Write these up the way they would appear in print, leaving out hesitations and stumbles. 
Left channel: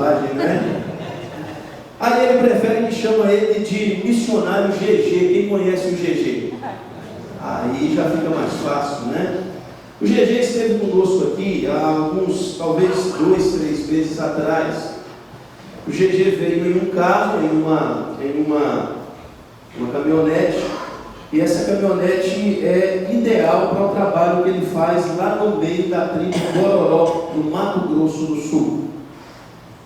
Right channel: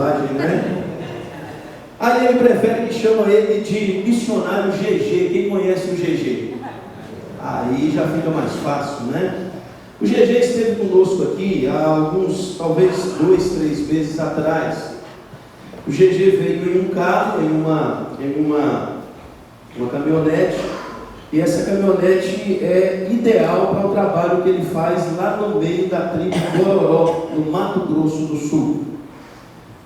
bobagem, né? Aí ele prefere que chama ele de missionário GG. Quem conhece o GG? Aí já fica mais fácil, né? O GG esteve conosco aqui há alguns, talvez 2, 3 meses atrás. O GG veio em um carro, em uma caminhonete, e essa caminhonete é ideal para o trabalho que ele faz lá no meio da tribo Bororó, no Mato Grosso do Sul.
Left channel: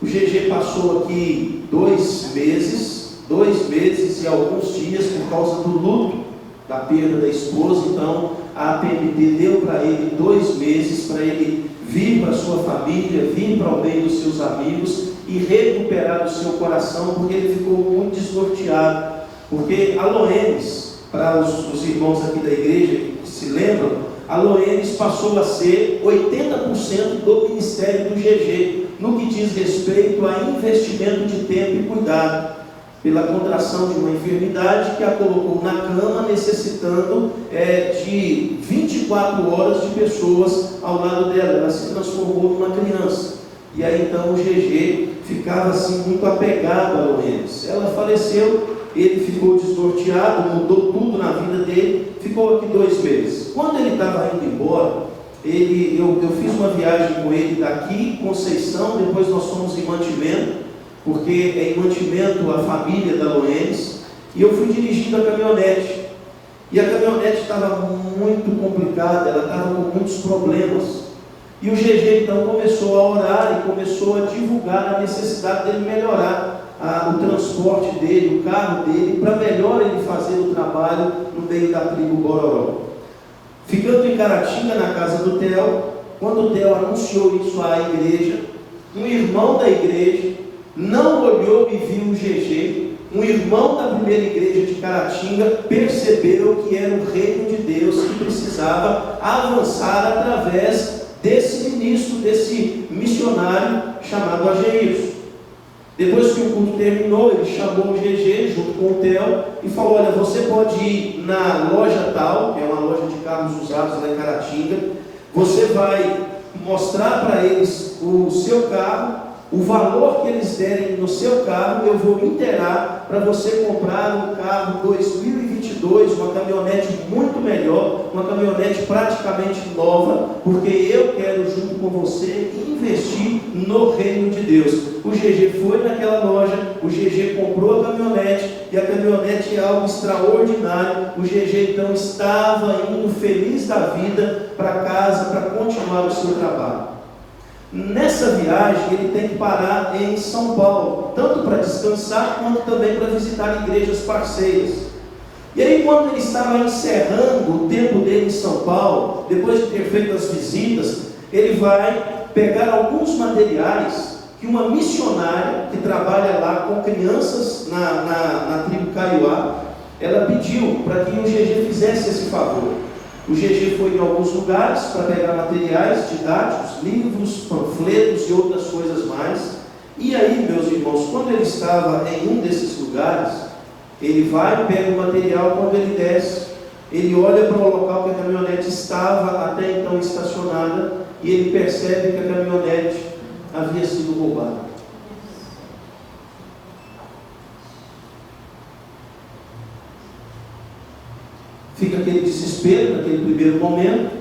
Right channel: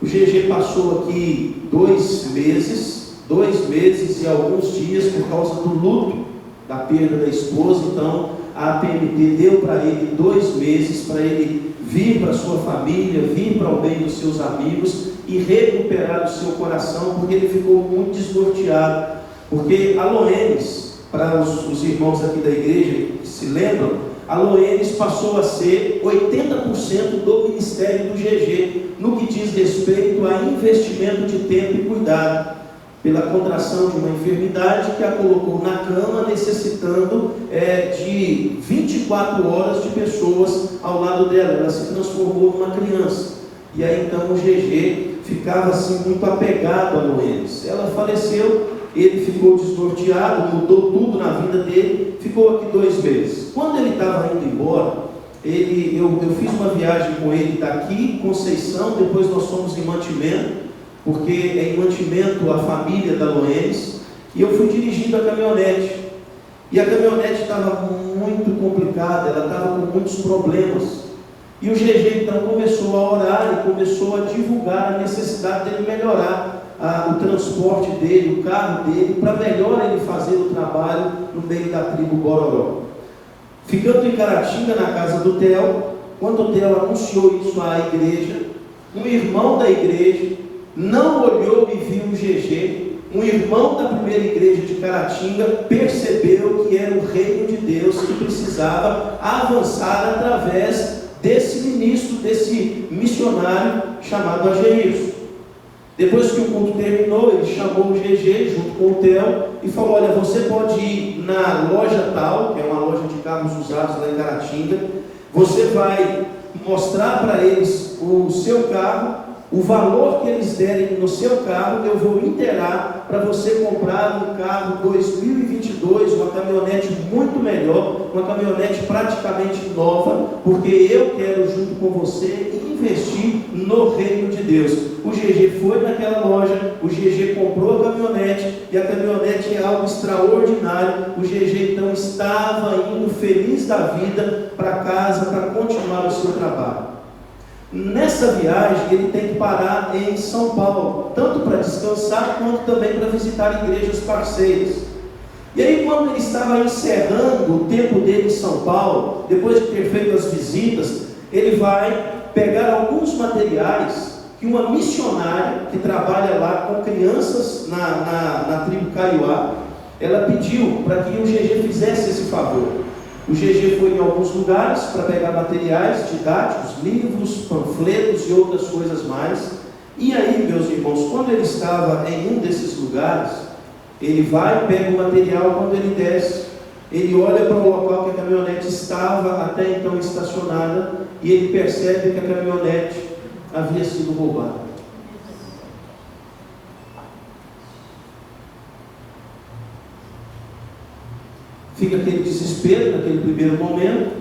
O GG passou aqui 2 meses e alguns dias por causa do luto da perda da esposa. Então a APMT deu para ele 2 meses para ele vir para sua família, vir para o meio dos seus amigos e recuperar o seu coração, porque ele ficou muito desnorteado. Porque a Loenes, para os irmãos aqui da igreja que se lembram, a Loenes passou a ser 80% do ministério do GG, no que diz respeito a investimento de tempo e cuidado, pela contração de uma enfermidade que a colocou na cama, necessitando de 24 horas de pessoas ao lado dela. Ela se transformou numa criança. E aí então o GG ficava assim muito apegado a Loenes. Ela faleceu, ele ficou desnorteado, mudou tudo na vida dele, ficou aqui 2 meses. Quando ele estava indo embora, eu fiz uma viagem com ele daqui, Conceição, depois nós fomos em Mantimento, porque é em Mantimento a família da Loenes, e eu fui dirigindo a caminhonete. E a caminhonete estava muito complicada, ela estava com muitos problemas. E o GG então começou a orar e começou a divulgar a necessidade dele melhorar o transporte dele, o carro dele, para melhor ele fazer o trabalho no meio da tribo Bororó. Ficando em Caratinga, na casa do Theo, quando o Theo anunciou isso à igreja, um irmão da igreja não olhou e viu o GG. Um irmão da primeira igreja de Caratinga percebeu que era o reino de Deus que precisava avançar através desse ministro, desse missionário chamado Ageilson. Depois que o culto terminou, ele chamou o GG junto com o Theo e falou: olha, você pode ir na loja tal, que é uma loja de carros usados lá em Caratinga, você vai mostrar para eles o seu carro, o valor que eles derem no seu carro, eu vou inteirar para você comprar um carro 2022, uma caminhonete muito melhor, uma caminhonete praticamente nova, porque eu quero junto com você investir no reino de Deus. O GG foi naquela loja, o GG comprou a caminhonete, e a caminhonete é algo extraordinário. O GG então estava indo feliz da vida para casa para continuar o seu trabalho. Nessa viagem ele tem que parar em São Paulo, tanto para descansar quanto também para visitar igrejas parceiras. E aí, quando ele estava encerrando o tempo dele em São Paulo, depois de ter feito as visitas, ele vai pegar alguns materiais que uma missionária que trabalha lá com crianças na tribo Kaiowá, ela pediu para que o GG fizesse esse favor. O GG foi em alguns lugares para pegar materiais didáticos, livros, panfletos e outras coisas mais. E aí, meus irmãos, quando ele estava em um desses lugares, ele vai, pega o material. Quando ele desce, ele olha para o local que a caminhonete estava até então estacionada, e ele percebe que a caminhonete havia sido roubada. Fica aquele desespero naquele primeiro momento.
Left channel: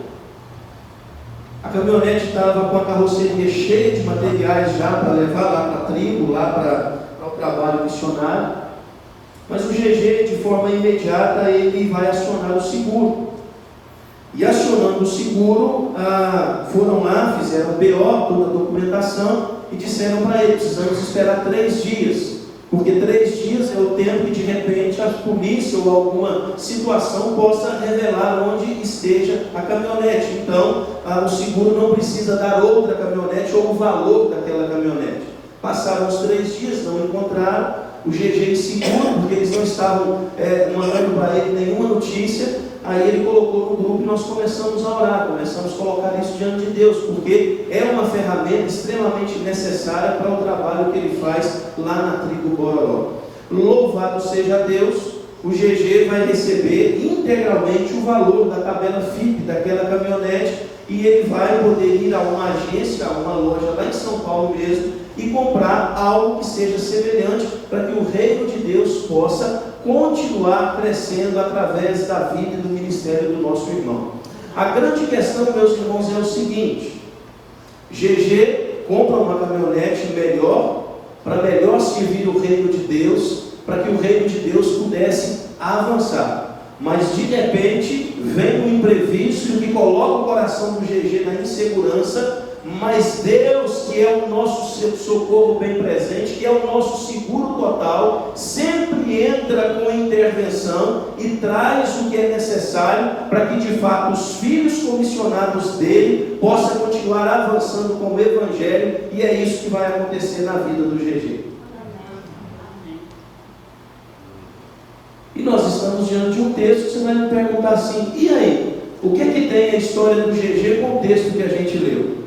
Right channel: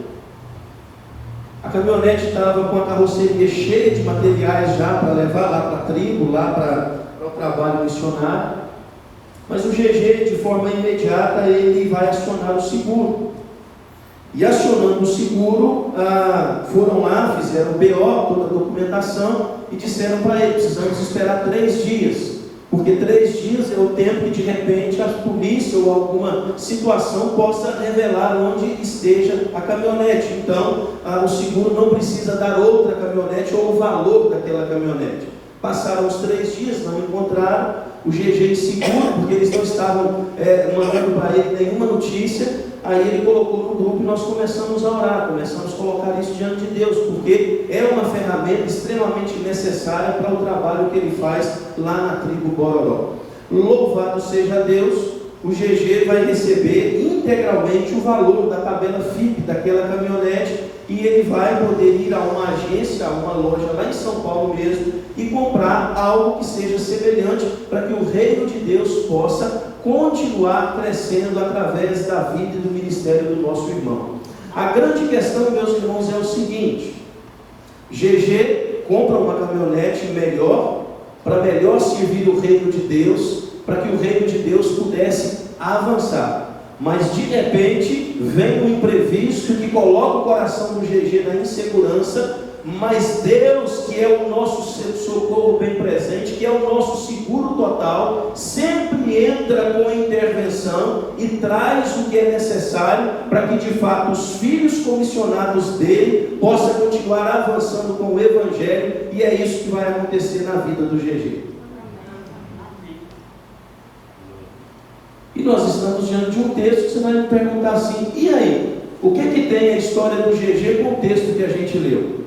A caminhonete estava com a carroceria cheia de materiais já para levar lá para a tribo, lá para o trabalho missionário. Mas o GG, de forma imediata, ele vai acionar o seguro. E acionando o seguro, foram lá, fizeram o BO, toda a documentação, e disseram para ele: precisamos esperar 3 dias. Porque 3 dias é o tempo que de repente a polícia ou alguma situação possa revelar onde esteja a caminhonete. Então o seguro não precisa dar outra caminhonete ou o valor daquela caminhonete. Passaram os 3 dias, não encontraram o GG inseguro, porque eles não estavam mandando para ele nenhuma notícia. Aí ele colocou no grupo e nós começamos a orar, começamos a colocar isso diante de Deus, porque é uma ferramenta extremamente necessária para o trabalho que ele faz lá na tribo Bororó. Louvado seja Deus, o GG vai receber integralmente o valor da tabela FIP daquela caminhonete, e ele vai poder ir a uma agência, a uma loja lá em São Paulo mesmo, e comprar algo que seja semelhante, para que o reino de Deus possa continuar crescendo através da vida e do ministério do nosso irmão. A grande questão, meus irmãos, é o seguinte: GG compra uma caminhonete melhor, para melhor servir o reino de Deus, para que o reino de Deus pudesse avançar. Mas de repente vem um imprevisto que coloca o coração do GG na insegurança, mas Deus, que é o nosso socorro bem presente, que é o nosso seguro total, sempre entra com a intervenção e traz o que é necessário para que de fato os filhos comissionados dele possam continuar avançando com o Evangelho, e é isso que vai acontecer na vida do GG. E nós estamos diante de um texto que você vai me perguntar assim: e aí? O que tem a história do GG com o texto que a gente leu?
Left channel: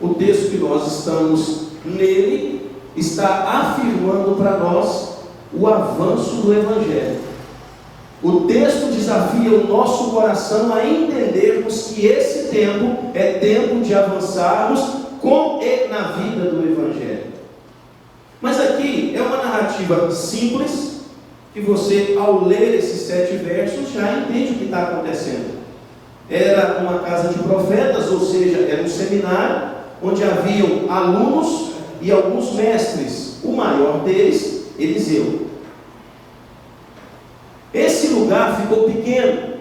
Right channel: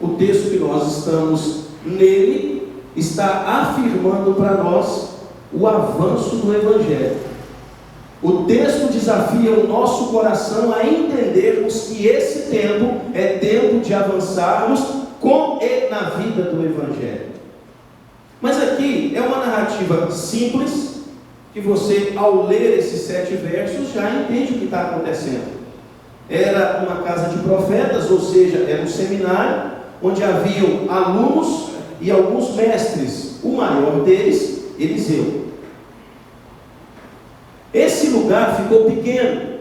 O texto que nós estamos nele está afirmando para nós o avanço do Evangelho. O texto desafia o nosso coração a entendermos que esse tempo é tempo de avançarmos com e na vida do Evangelho. Mas aqui é uma narrativa simples, que você, ao ler esses 7 versos, já entende o que está acontecendo. Era uma casa de profetas, ou seja, era um seminário, onde haviam alunos e alguns mestres. O maior deles, Eliseu. Esse lugar ficou pequeno.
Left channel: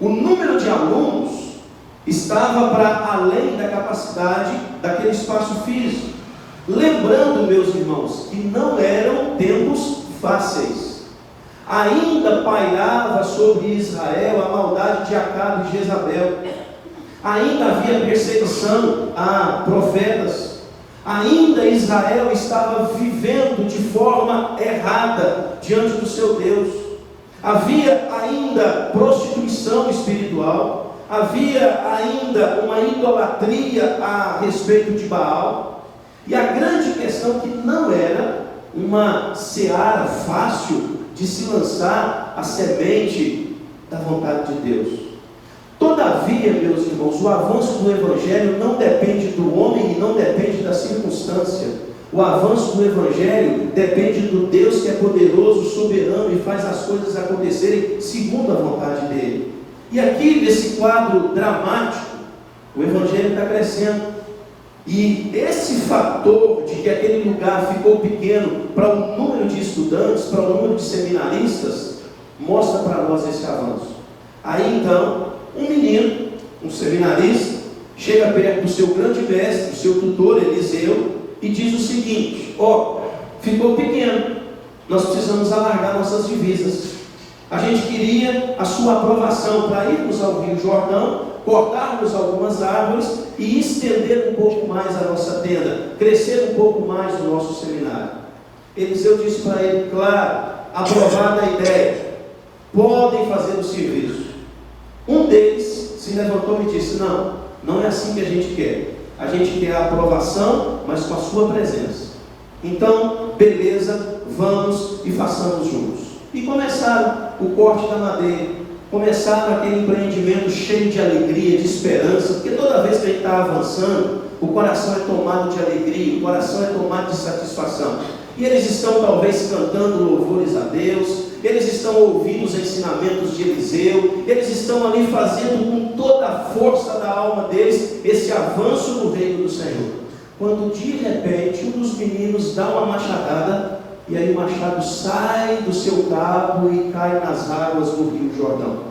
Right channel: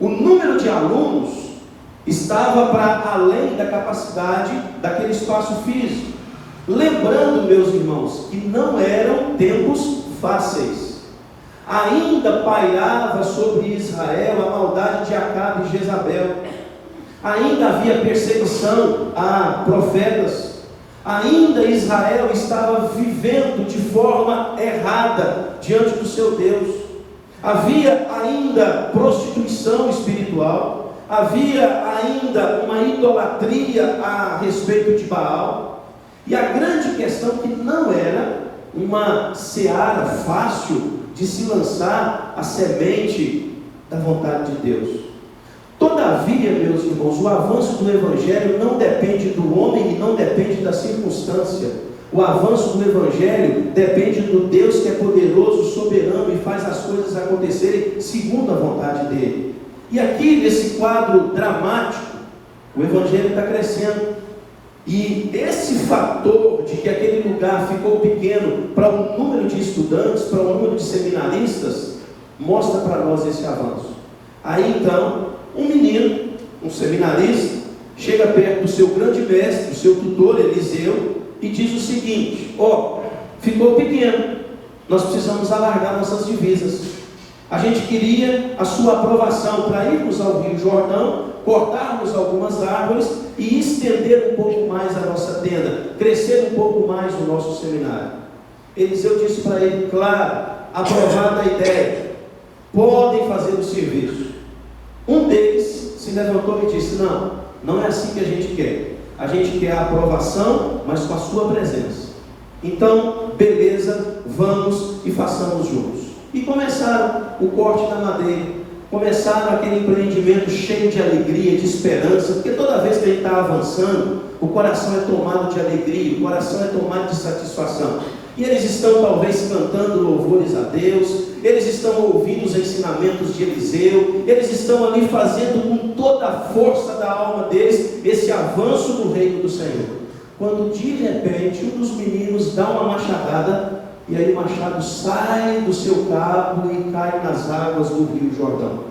O número de alunos estava para além da capacidade daquele espaço físico. Lembrando, meus irmãos, que não eram tempos fáceis. Ainda pairava sobre Israel a maldade de Acabe e Jezabel. Ainda havia perseguição a profetas. Ainda Israel estava vivendo de forma errada diante do seu Deus. Havia ainda prostituição espiritual. Havia ainda uma idolatria a respeito de Baal. E a grande questão que não era uma seara fácil de se lançar a semente da vontade de Deus. Todavia, meus irmãos, o avanço do Evangelho não depende do homem e não depende da circunstância. O avanço do Evangelho depende do Deus que é poderoso, soberano e faz as coisas acontecerem segundo a vontade dele. E aqui, nesse quadro dramático, o Evangelho está crescendo. E esse fator de que aquele lugar ficou pequeno para o número de estudantes, para o número de seminaristas, mostra para nós esse avanço. Aí então, um menino, um seminarista, chega perto do seu grande mestre, do seu tutor Eliseu, e diz o seguinte: ficou pequeno, nós precisamos alargar nossas divisas. A gente queria a sua aprovação para irmos ao Rio Jordão, cortarmos algumas árvores e estender um pouco mais a nossa tenda, crescer um pouco mais o nosso seminário. Eliseu disse para ele: claro, aprovada a ideia, podem fazer o serviço. Um deles se levantou e disse: não é assim que a gente quer. A gente quer a aprovação, mas com a sua presença. Então, beleza, vamos e façamos juntos. E começaram o corte da madeira, começaram aquele empreendimento cheio de alegria, de esperança, porque toda vez que a gente está avançando, o coração é tomado de alegria, o coração é tomado de satisfação. E eles estão talvez cantando louvores a Deus, eles estão ouvindo os ensinamentos de Eliseu, eles estão ali fazendo com toda a força da alma deles esse avanço do reino do Senhor. Quando de repente um dos meninos dá uma machadada, e aí o machado sai do seu cabo e cai nas águas do Rio Jordão.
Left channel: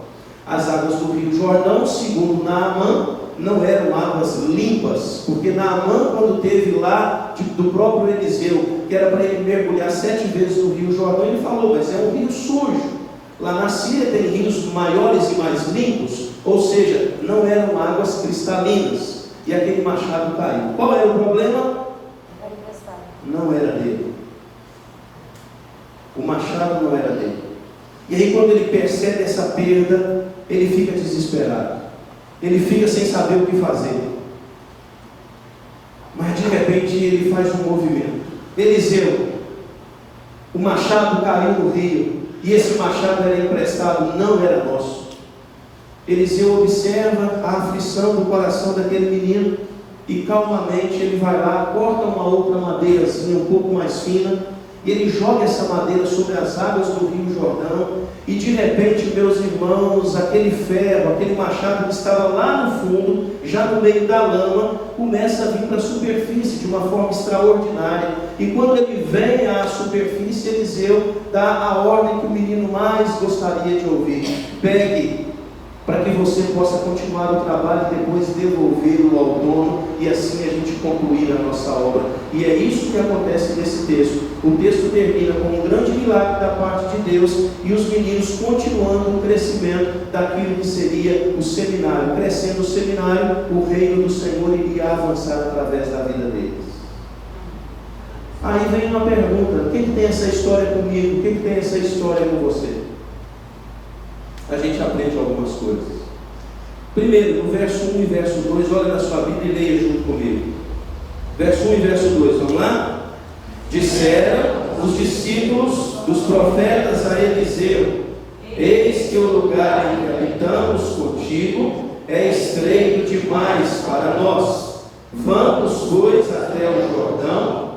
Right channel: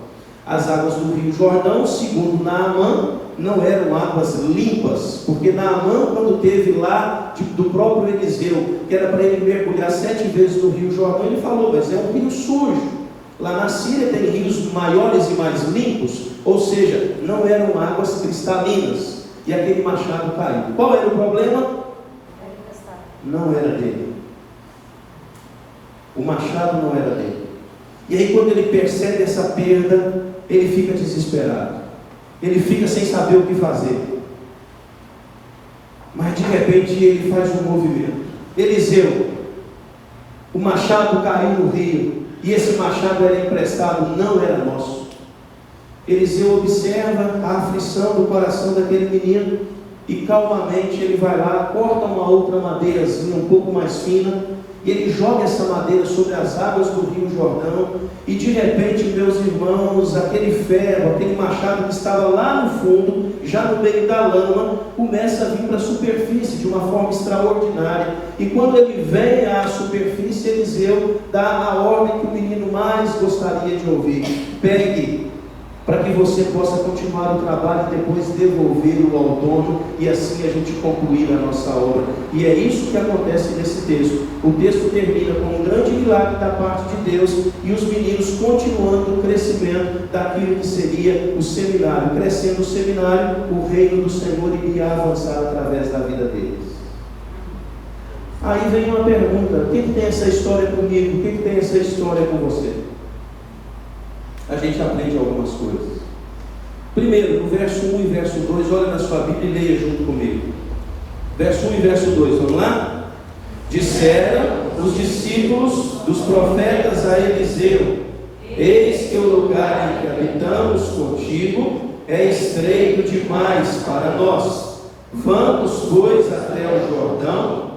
As águas do Rio Jordão, segundo Naamã, não eram águas limpas, porque Naamã, quando teve lá do próprio Eliseu, que era para ele mergulhar 7 vezes no Rio Jordão, ele falou: mas é um rio sujo. Lá na Síria tem rios maiores e mais limpos, ou seja, não eram águas cristalinas. E aquele machado caiu. Qual era o problema? Não era dele. O machado não era dele. E aí, quando ele percebe essa perda, ele fica desesperado. Ele fica sem saber o que fazer. Mas de repente ele faz um movimento. Eliseu, o machado caiu no rio, e esse machado era emprestado, não era nosso. Eliseu observa a aflição do coração daquele menino e calmamente ele vai lá, corta uma outra madeirazinha um pouco mais fina, e ele joga essa madeira sobre as águas do rio Jordão, e de repente, meus irmãos, aquele ferro, aquele machado que estava lá no fundo, já no meio da lama, começa a vir para a superfície de uma forma extraordinária. E quando ele vem à superfície, Eliseu dá a ordem que o menino mais gostaria de ouvir: pegue, para que você possa continuar o trabalho e depois devolvê-lo ao dono, e assim a gente concluir a nossa obra. E é isso que acontece nesse texto. O texto termina com um grande milagre da parte de Deus, e os meninos continuando o crescimento daquilo que seria o seminário. Crescendo o seminário, o reino do Senhor iria avançar através da vida deles. Aí vem uma pergunta: o que tem essa história comigo? O que tem essa história com você? A gente aprende algumas coisas. Primeiro, no verso 1 e verso 2, olha na sua Bíblia e leia junto comigo. Verso 1 e verso 2, vamos lá? Disseram os discípulos dos profetas a Eliseu: eis que o lugar em que habitamos contigo é estreito demais para nós. Vamos, pois, até o Jordão.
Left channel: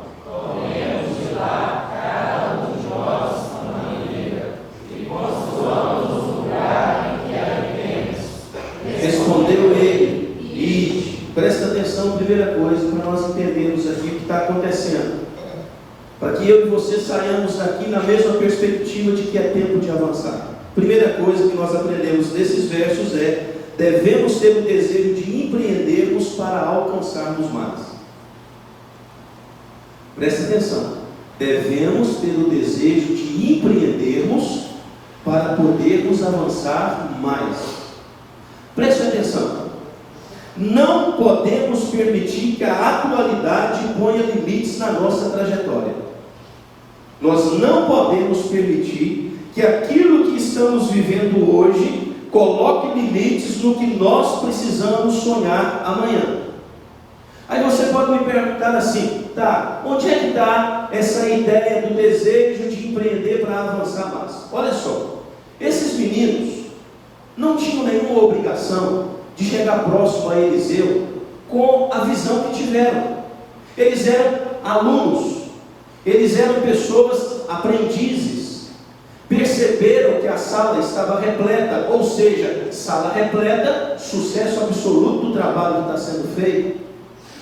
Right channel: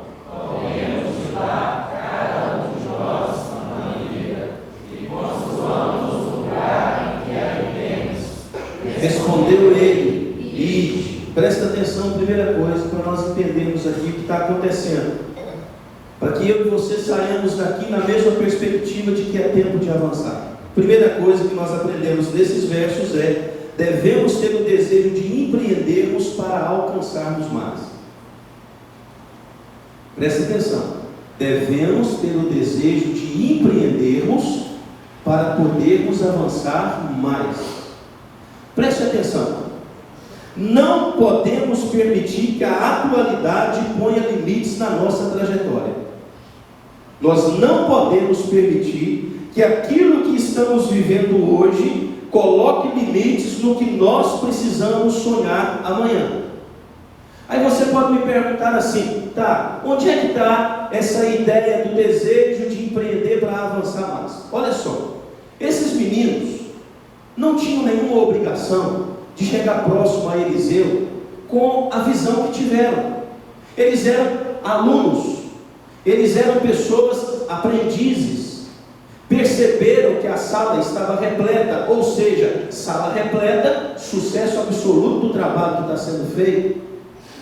Respondeu ele: ide. Presta atenção, primeira coisa, para nós entendermos aqui o que está acontecendo, para que eu e você saiamos daqui na mesma perspectiva de que é tempo de avançar. Primeira coisa que nós aprendemos nesses versos é: devemos ter o desejo de empreendermos para alcançarmos mais. Presta atenção, devemos ter o desejo de empreendermos para podermos avançar mais. Preste atenção, não podemos permitir que a atualidade ponha limites na nossa trajetória. Nós não podemos permitir que aquilo que estamos vivendo hoje coloque limites no que nós precisamos sonhar amanhã. Aí você pode me perguntar assim: tá, onde é que está essa ideia do desejo de empreender para avançar mais? Olha só, esses meninos não tinham nenhuma obrigação de chegar próximo a Eliseu com a visão que tiveram. Eles eram alunos, eles eram pessoas aprendizes, perceberam que a sala estava repleta, ou seja, sala repleta, sucesso absoluto do trabalho que está sendo feito.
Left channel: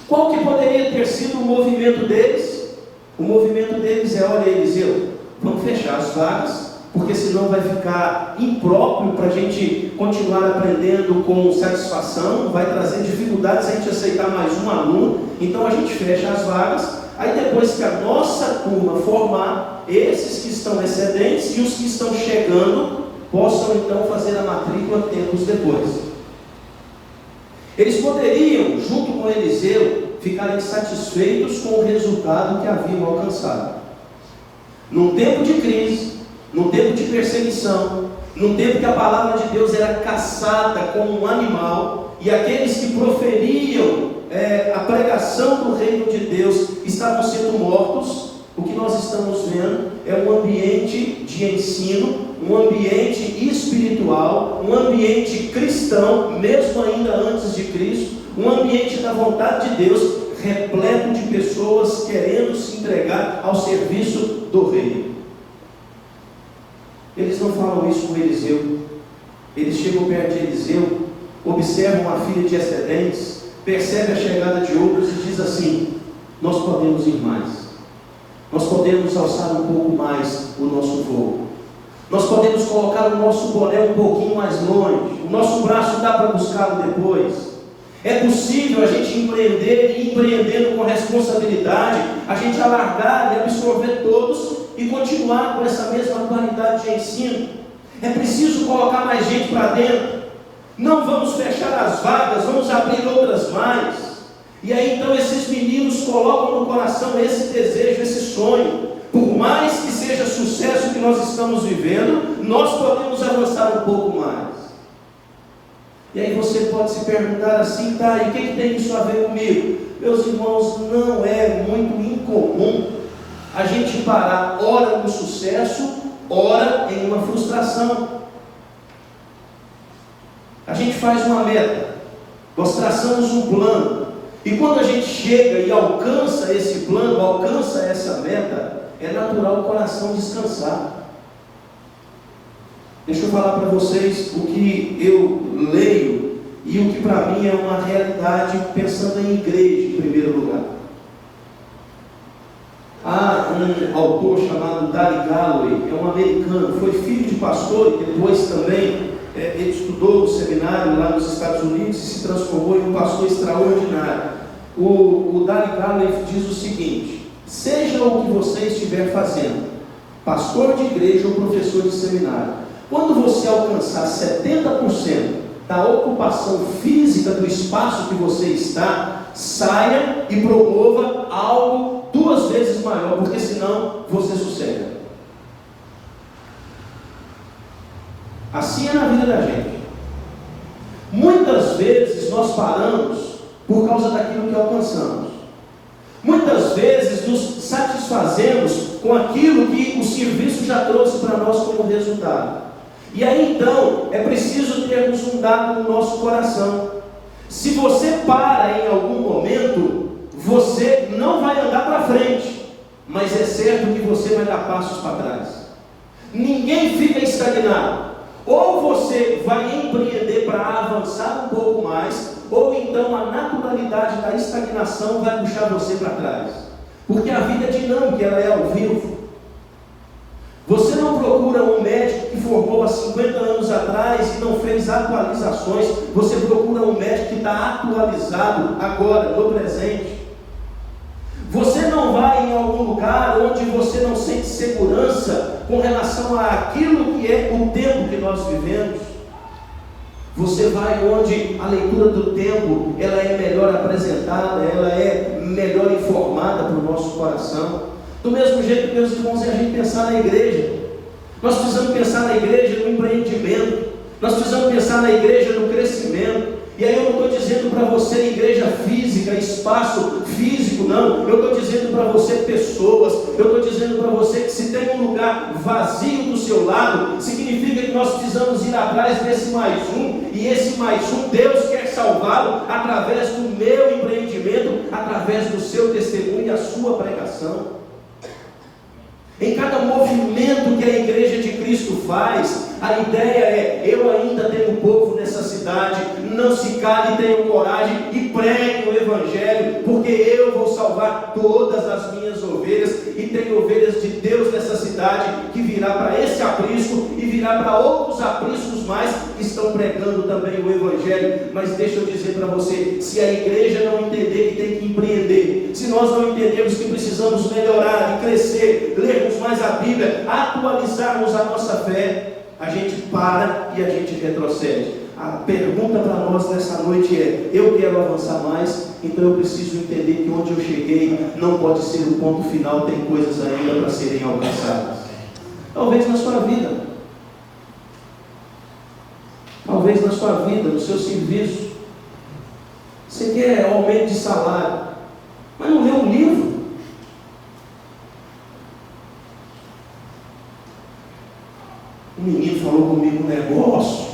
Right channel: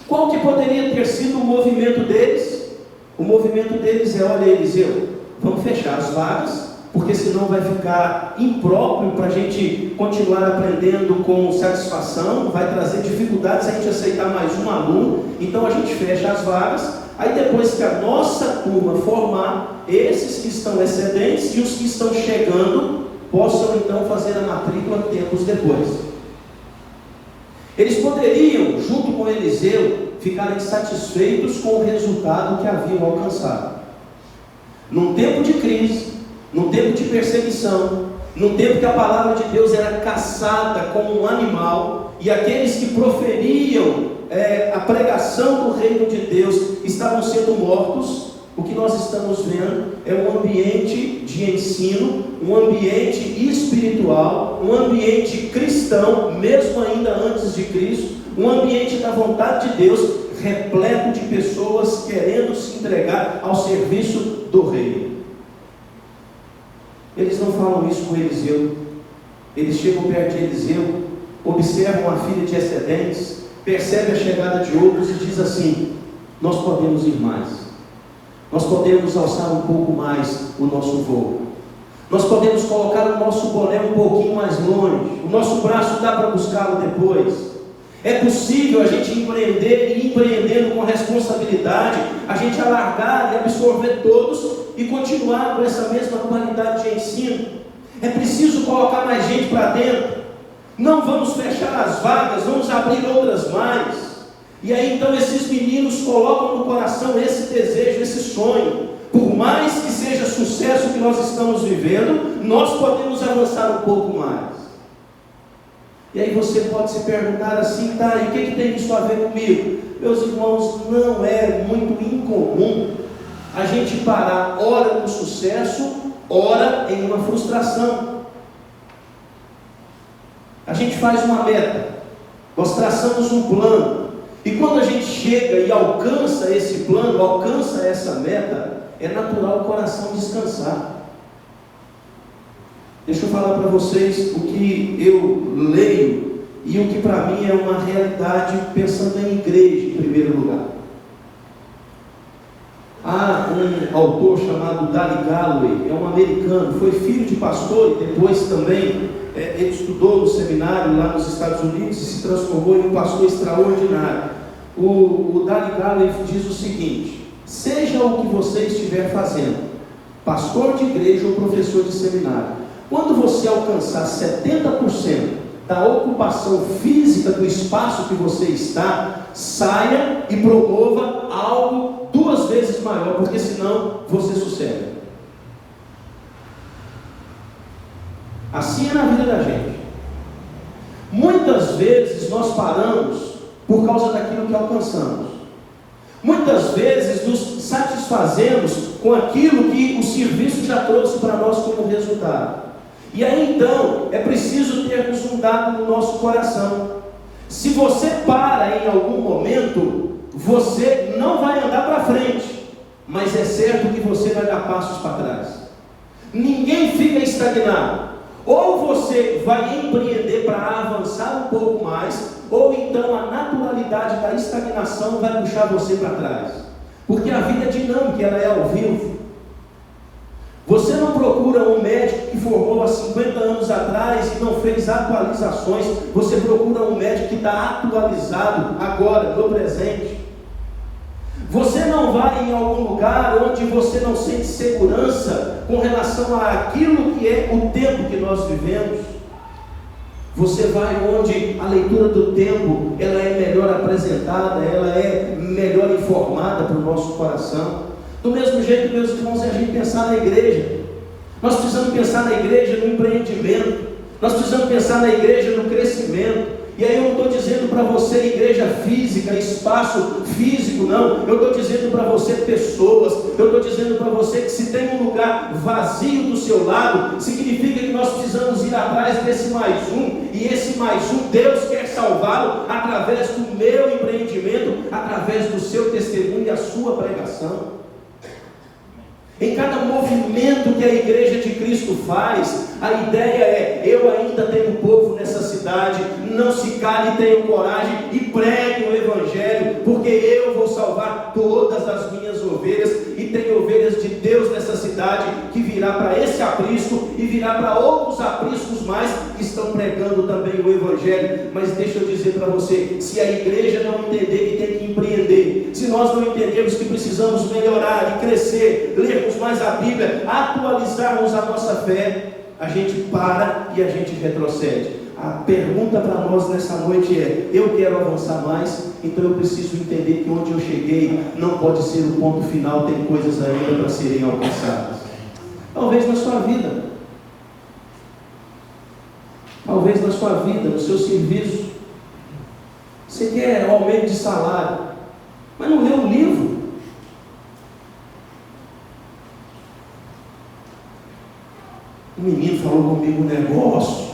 Qual que poderia ter sido o movimento deles? O movimento deles é: olha, Eliseu, vamos fechar as vagas, porque senão vai ficar impróprio para a gente continuar aprendendo com satisfação, vai trazer dificuldades a gente aceitar mais um aluno, então a gente fecha as vagas, aí depois que a nossa turma formar, esses que estão excedentes e os que estão chegando, possam então fazer a matrícula tempos depois. Eles poderiam, junto com Eliseu, ficarem satisfeitos com o resultado que haviam alcançado. Num tempo de crise, num tempo de perseguição, num tempo que a palavra de Deus era caçada como um animal, e aqueles que proferiam a pregação do reino de Deus estavam sendo mortos, o que nós estamos vendo é um ambiente de ensino, um ambiente espiritual, um ambiente cristão, mesmo ainda antes de Cristo, um ambiente da vontade de Deus, repleto de pessoas querendo se entregar ao serviço do reino. Eles não falam isso com Eliseu. Eles chegam perto de Eliseu, observam a filha de excedentes, percebem a chegada de outros e diz assim: nós podemos ir mais, nós podemos alçar um pouco mais o nosso voo, nós podemos colocar o nosso boné um pouquinho mais longe, o nosso braço dá para buscá-lo depois. É possível a gente empreender, e empreendendo com responsabilidade, a gente alargar e absorver todos e continuar com essa mesma qualidade de ensino. É preciso colocar mais gente para dentro. Não vamos fechar as vagas, vamos abrir outras mais. E aí então esses meninos colocam no coração esse desejo, esse sonho. Por mais que seja sucesso que nós estamos vivendo, nós podemos avançar um pouco mais. E aí você pode se perguntar assim: tá, e o que tem isso a ver comigo? Meus irmãos, não é muito incomum a gente parar ora no sucesso, ora em uma frustração. A gente faz uma meta, nós traçamos um plano, e quando a gente chega e alcança esse plano, alcança essa meta, é natural o coração descansar. Deixa eu falar para vocês o que eu leio e o que para mim é uma realidade, pensando em igreja em primeiro lugar. Há um autor chamado Dali Galloway, é um americano, foi filho de pastor e depois também ele estudou no seminário lá nos Estados Unidos e se transformou em um pastor extraordinário. O Dali Galloway diz o seguinte: seja o que você estiver fazendo, pastor de igreja ou professor de seminário, quando você alcançar 70% da ocupação física do espaço que você está, saia e promova algo 2 vezes maior, porque senão você sossega. Assim é na vida da gente. Muitas vezes nós paramos por causa daquilo que alcançamos. Muitas vezes nos satisfazemos com aquilo que o serviço já trouxe para nós como resultado. E aí então é preciso termos um dado no nosso coração. Se você para em algum momento, você não vai andar para frente, mas é certo que você vai dar passos para trás. Ninguém fica estagnado. Ou você vai empreender para avançar um pouco mais, ou então a naturalidade da estagnação vai puxar você para trás. Porque a vida é dinâmica, ela é ao vivo. Você não procura um médico que formou há 50 anos atrás e não fez atualizações. Você procura um médico que está atualizado agora, no presente. Você não vai em algum lugar onde você não sente segurança com relação àquilo que é o tempo que nós vivemos. Você vai onde a leitura do tempo ela é melhor apresentada, ela é melhor informada para o nosso coração. Do mesmo jeito, meus irmãos, é a gente pensar na igreja. Nós precisamos pensar na igreja no empreendimento. Nós precisamos pensar na igreja no crescimento. E aí eu não estou dizendo para você igreja física, espaço físico, não. Eu estou dizendo para você pessoas. Eu estou dizendo para você que se tem um lugar vazio do seu lado, significa que nós precisamos ir atrás desse mais um. E esse mais um, Deus quer salvá-lo através do meu empreendimento, através do seu testemunho e a sua pregação. Em cada movimento que a igreja de Cristo faz, a ideia é: eu ainda tenho povo nessa cidade, não se cale, tenham coragem e pregue o evangelho, porque eu vou salvar todas as minhas ovelhas, e tem ovelhas de Deus nessa cidade que virá para esse aprisco e virá para outros apriscos mais que estão pregando também o evangelho. Mas deixa eu dizer para você, se a igreja não entender que tem que empreender, se nós não entendermos que precisamos melhorar e crescer, lermos mais a Bíblia, atualizarmos a nossa fé, a gente para e a gente retrocede. A pergunta para nós nessa noite é: eu quero avançar mais, então eu preciso entender que onde eu cheguei não pode ser o ponto final, tem coisas ainda para serem alcançadas. Talvez na sua vida, talvez na sua vida, no seu serviço, você quer aumento de salário, mas não leu um livro. Um menino falou comigo um negócio,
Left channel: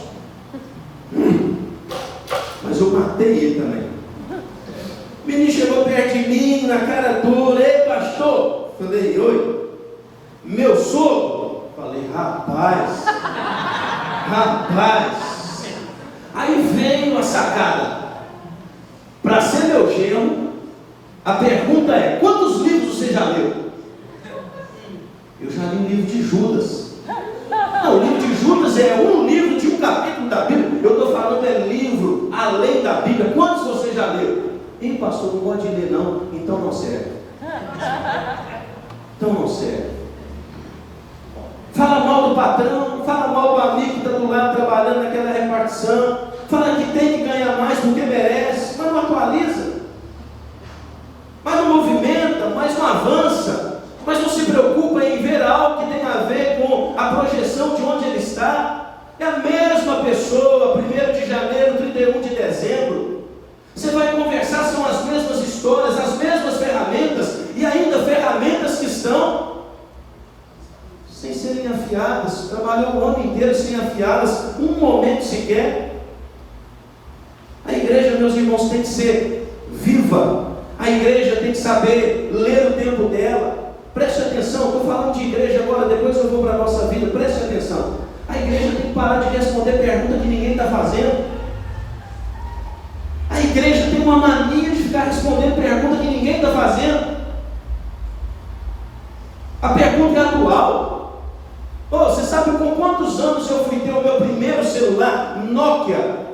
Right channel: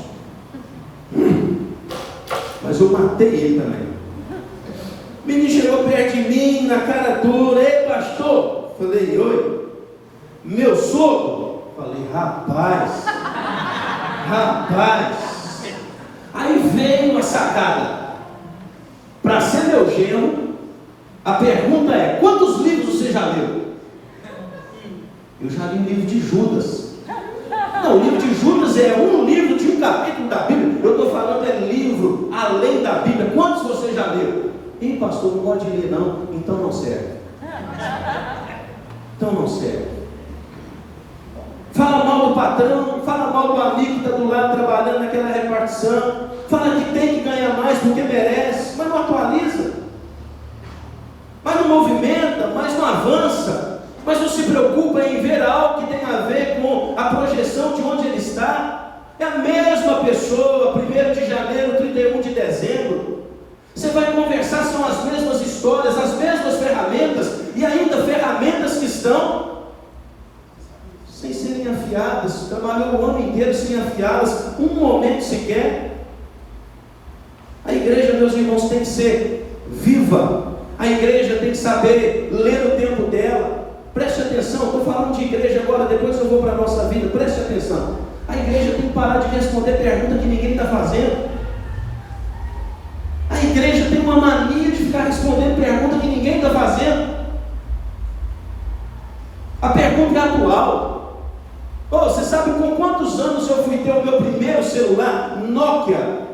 mas eu matei ele também. O menino chegou perto de mim, na cara dura: ei pastor, falei: oi, meu sogro. Falei: rapaz. Aí veio a sacada: para ser meu genro, a pergunta é: quantos livros você já leu? Eu já li o livro de Judas. Não, o livro de Judas é um livro de um capítulo da Bíblia. Eu estou falando é livro além da Bíblia. Quantos você já leu? Ih, pastor, não pode ler não. Então não serve. Fala mal do patrão, fala mal do amigo que está do lado trabalhando naquela repartição, fala que tem que ganhar mais porque merece, mas não atualiza, mas não movimenta, mas não avança, mas não se preocupa em ver algo que tem a ver com a projeção de onde ele está. É a mesma pessoa, 1º de janeiro, 31 de dezembro. Você vai conversar, são as mesmas histórias, as mesmas ferramentas, e ainda ferramentas que estão sem serem afiadas. Trabalhou o ano inteiro sem afiá-las, um momento sequer. igreja, meus irmãos, tem que ser viva. A igreja tem que saber ler o tempo dela. Preste atenção, estou falando de igreja agora, depois eu vou para a nossa vida. Preste atenção. A igreja tem que parar de responder pergunta que ninguém está fazendo. A igreja tem uma mania de ficar respondendo pergunta que ninguém está fazendo. A pergunta é atual. Você sabe com quantos anos eu fui ter o meu primeiro celular? Nokia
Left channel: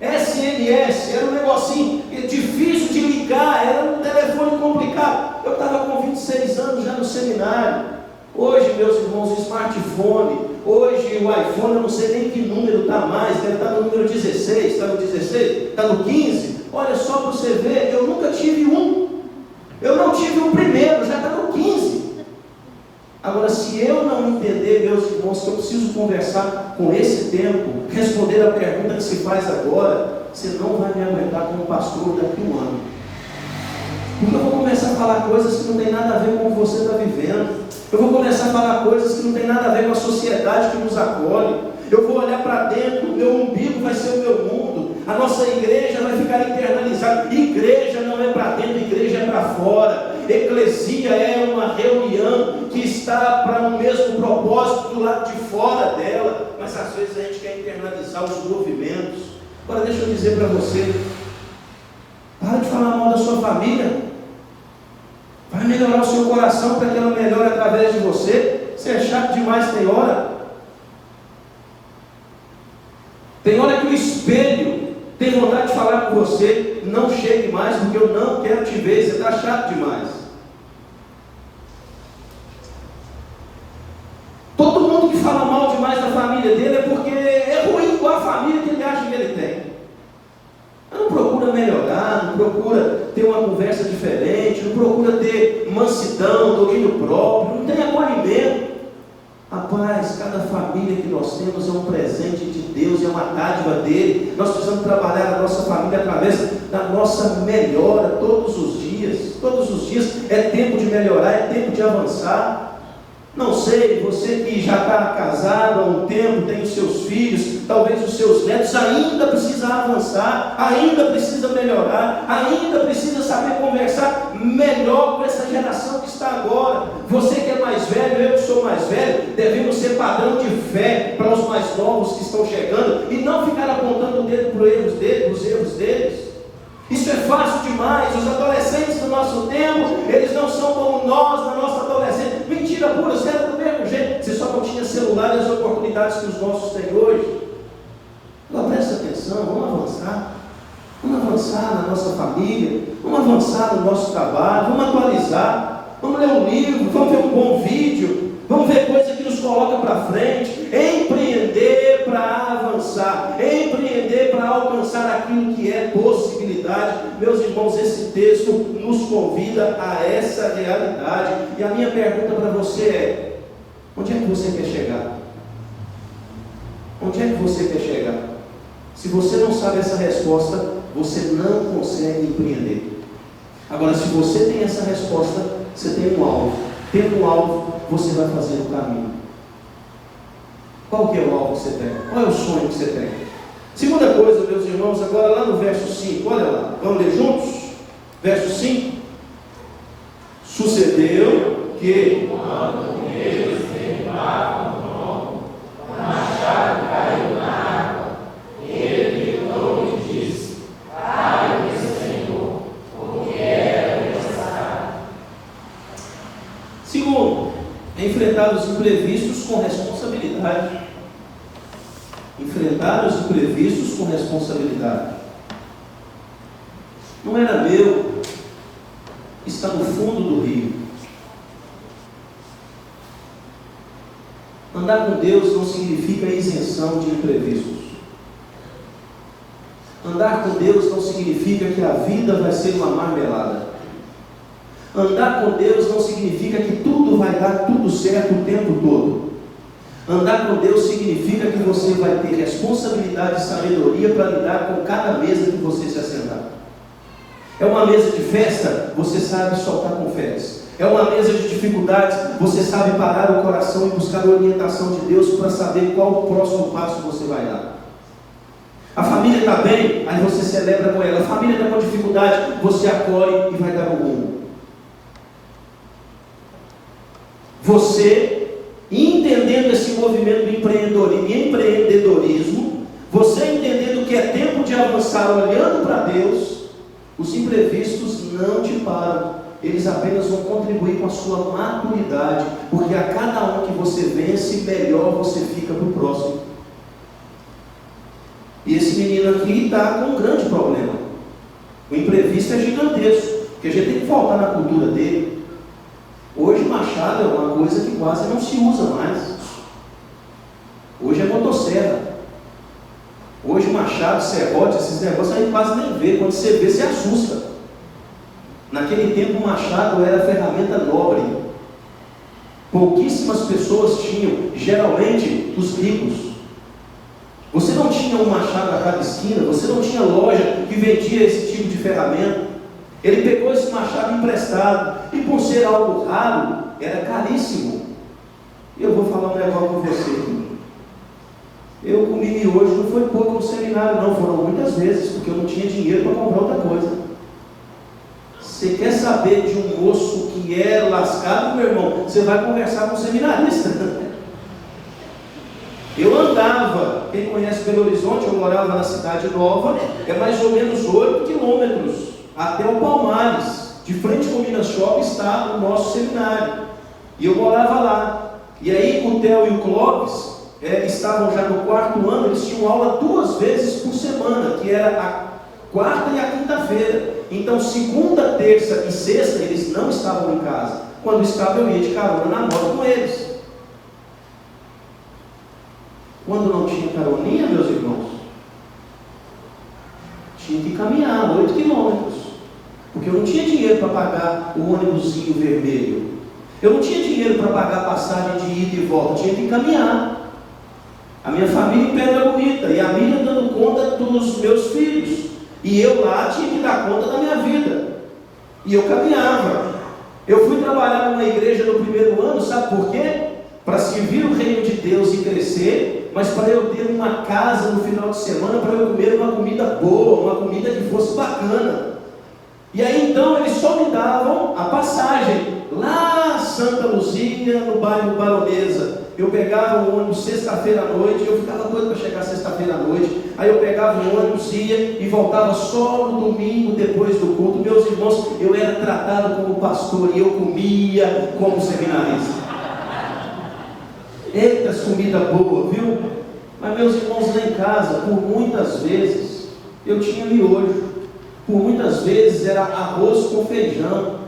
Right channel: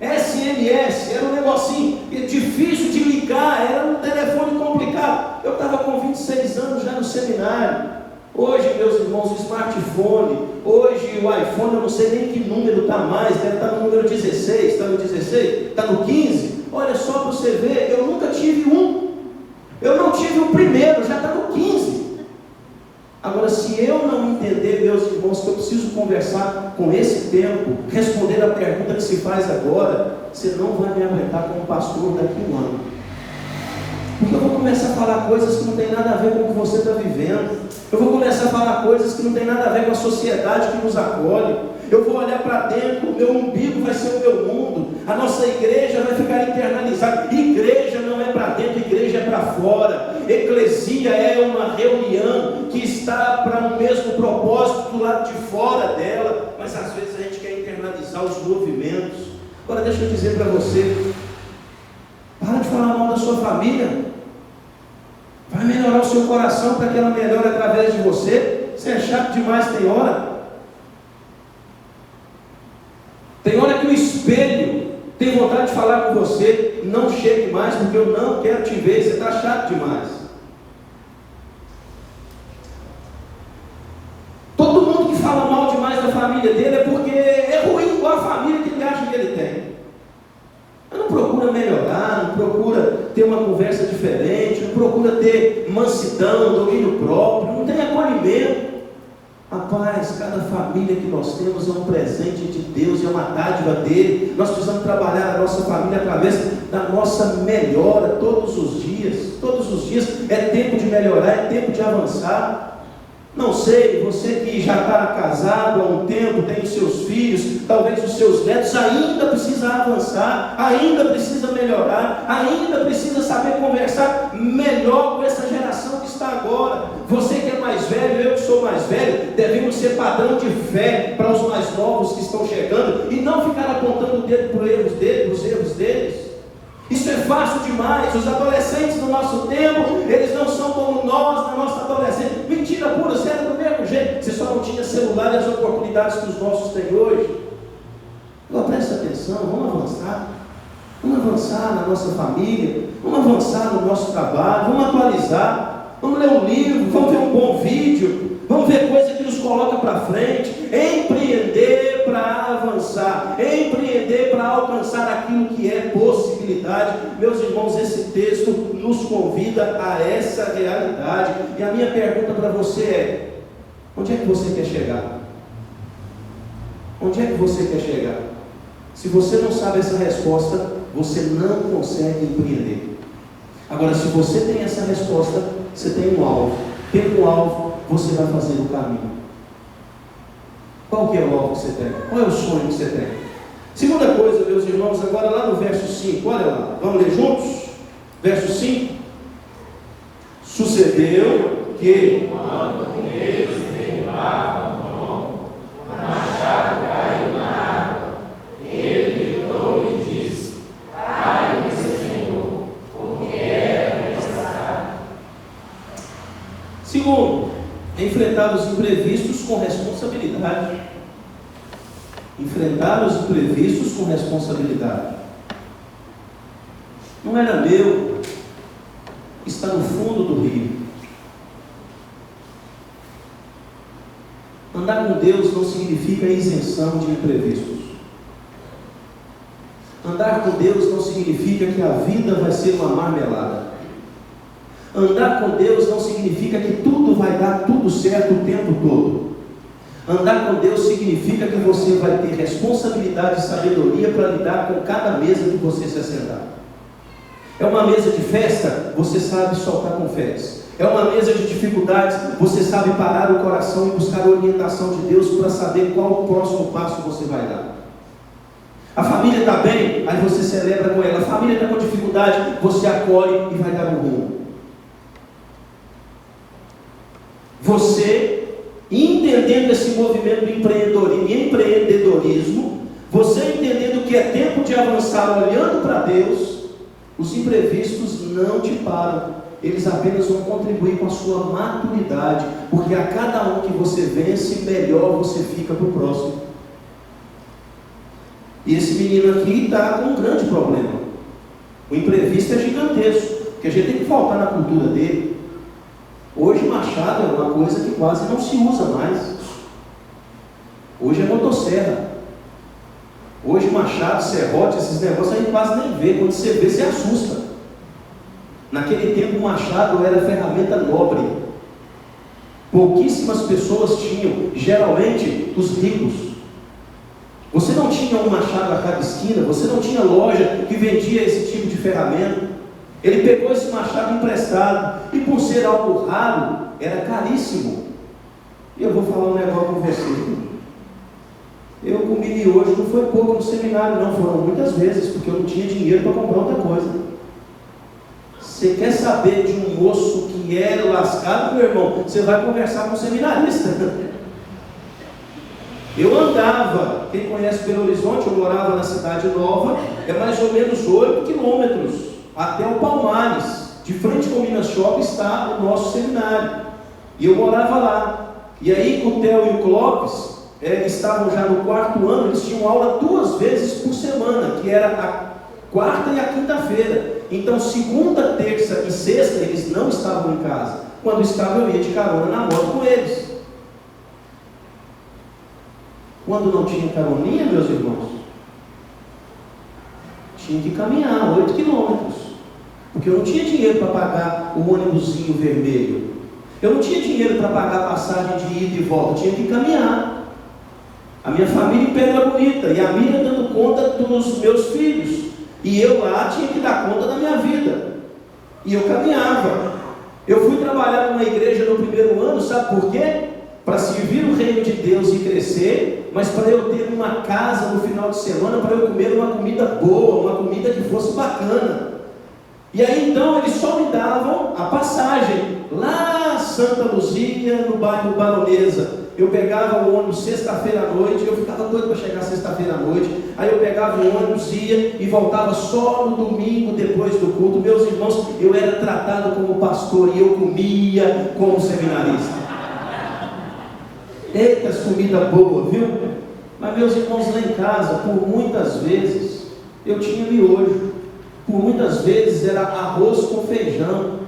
SMS, era um negocinho difícil de ligar, era um telefone complicado. Eu estava com 26 anos já no seminário. Hoje, meus irmãos, o smartphone, hoje o iPhone, eu não sei nem que número está mais, deve estar no número 16, está no 16, está no 15. Olha só para você ver, eu nunca tive um. Eu não tive o primeiro, já está no 15. Agora, se eu não entender, meus irmãos, que eu preciso conversar com esse tempo, responder a pergunta que se faz agora, você não vai me aguentar como pastor daqui a um ano. Porque eu vou começar a falar coisas que não tem nada a ver com o que você está vivendo. Eu vou começar a falar coisas que não tem nada a ver com a sociedade que nos acolhe. Eu vou olhar para dentro, o meu umbigo vai ser o meu mundo. A nossa igreja vai ficar internalizada. Igreja não é para dentro, igreja é para fora. Eclesia é uma reunião que está para o mesmo propósito do lado de fora dela. Mas às vezes a gente quer internalizar os movimentos. Agora deixa eu dizer para você, para de falar mal da sua família. Vai melhorar o seu coração para que ela melhore através de você. Você é chato demais, tem hora. Tem hora que o espelho tem vontade de falar com você. Não chegue mais, porque eu não quero te ver. Você está chato demais. Todo mundo que fala mal demais da família dele é porque é ruim igual a família que ele acha que ele tem. Não procura melhorar, não procura ter uma conversa diferente, não procura ter mansidão, domínio próprio, não tem acolhimento. Rapaz, cada família que nós temos é um presente de Deus, é uma dádiva dele. Nós precisamos trabalhar a nossa família através da nossa melhora todos os dias. Todos os dias é tempo de melhorar, é tempo de avançar. Não sei, você que já está casado há um tempo, tem os seus filhos, talvez os seus netos, ainda precisa avançar, ainda precisa melhorar, ainda precisa saber conversar melhor com essa geração que está agora. Você que é mais velho, eu que sou mais velho, devemos ser padrão de fé para os mais novos que estão chegando e não ficar apontando o dedo para os erros deles. Isso é fácil demais. Os adolescentes do nosso tempo, eles não são como nós na nossa adolescência. Mentira pura, você era do mesmo jeito. Você só não tinha celular e as oportunidades que os nossos têm hoje. Agora presta atenção, vamos avançar. Vamos avançar na nossa família, vamos avançar no nosso trabalho, vamos atualizar, vamos ler um livro, vamos ver um bom vídeo, vamos ver coisa que nos coloca para frente. Empreender para avançar, empreender para alcançar aquilo que é possibilidade. Meus irmãos, esse texto nos convida a essa realidade. E a minha pergunta para você é: onde é que você quer chegar? Onde é que você quer chegar? Se você não sabe essa resposta, você não consegue empreender. Agora, se você tem essa resposta, você tem um alvo. Tendo um alvo, você vai fazer o caminho. Qual que é o alvo que você tem? Qual é o sonho que você tem? Segunda coisa, meus irmãos, agora lá no verso 5, olha lá, vamos ler juntos? Verso 5. Sucedeu que quando eles derrubaram o tronco, o machado caiu na água. Ele gritou e disse: ai, Senhor, porque era necessário. Segundo, enfrentar os imprevistos com responsabilidade. Enfrentar os imprevistos com responsabilidade. Não era meu, está no fundo do rio. Andar com Deus não significa isenção de imprevistos. Andar com Deus não significa que a vida vai ser uma marmelada. Andar com Deus não significa que tudo vai dar tudo certo o tempo todo. Andar com Deus significa que você vai ter responsabilidade e sabedoria para lidar com cada mesa que você se assentar. É uma mesa de festa, você sabe soltar confetes. É uma mesa de dificuldades, você sabe parar o coração e buscar a orientação de Deus para saber qual o próximo passo você vai dar. A família está bem, aí você celebra com ela. A família está com dificuldade, você acolhe e vai dar um rumo. Você, entendendo esse movimento do empreendedorismo, você entendendo que é tempo de avançar olhando para Deus, os imprevistos não te param. Eles apenas vão contribuir com a sua maturidade, porque a cada um que você vence, melhor você fica para o próximo. E esse menino aqui está com um grande problema. O imprevisto é gigantesco, porque a gente tem que voltar na cultura dele. Hoje machado é uma coisa que quase não se usa mais. Hoje é motosserra. Hoje machado, serrote, esses negócios a gente quase nem vê. Quando você vê, você assusta. Naquele tempo o machado era ferramenta nobre. Pouquíssimas pessoas tinham, geralmente os ricos. Você não tinha um machado a cada esquina, você não tinha loja que vendia esse tipo de ferramenta. Ele pegou esse machado emprestado, e por ser algo raro, era caríssimo. Eu vou falar um negócio com você. Eu comi miojo, não foi pouco no seminário, não, foram muitas vezes, porque eu não tinha dinheiro para comprar outra coisa. Você quer saber de um moço que é lascado, meu irmão? Você vai conversar com um seminarista. Eu andava, quem conhece Belo Horizonte, eu morava na Cidade Nova, é mais ou menos 8 quilômetros até o Palmares. De frente com o Minas Shopping está o nosso seminário. E eu morava lá. E aí o Theo e o Clóvis estavam já no 4º ano, eles tinham aula 2 vezes por semana, que era a quarta e a quinta-feira. Então segunda, terça e sexta eles não estavam em casa. Quando estavam eu ia de carona na moto com eles. Quando não tinha caroninha, meus irmãos, tinha que caminhar 8 quilômetros, porque eu não tinha dinheiro para pagar o ônibusinho vermelho. Eu não tinha dinheiro para pagar a passagem de ida e volta, tinha que caminhar. A minha família em Pedra Bonita, e a Miriam dando conta dos meus filhos, e eu lá tinha que dar conta da minha vida, e eu caminhava. Eu fui trabalhar numa igreja no 1º ano, sabe por quê? Para servir o reino de Deus e crescer, mas para eu ter uma casa no final de semana, para eu comer uma comida boa, uma comida que fosse bacana. E aí então eles só me davam a passagem, lá Santa Luzia, no bairro Baronesa. Eu pegava o ônibus sexta-feira à noite, eu ficava doido para chegar sexta-feira à noite, aí eu pegava o ônibus, ia e voltava só no domingo depois do culto. Meus irmãos, eu era tratado como pastor e eu comia como seminarista. Eita, comida boa, viu? Mas meus irmãos, lá em casa, por muitas vezes, eu tinha miojo. Por muitas vezes era arroz com feijão.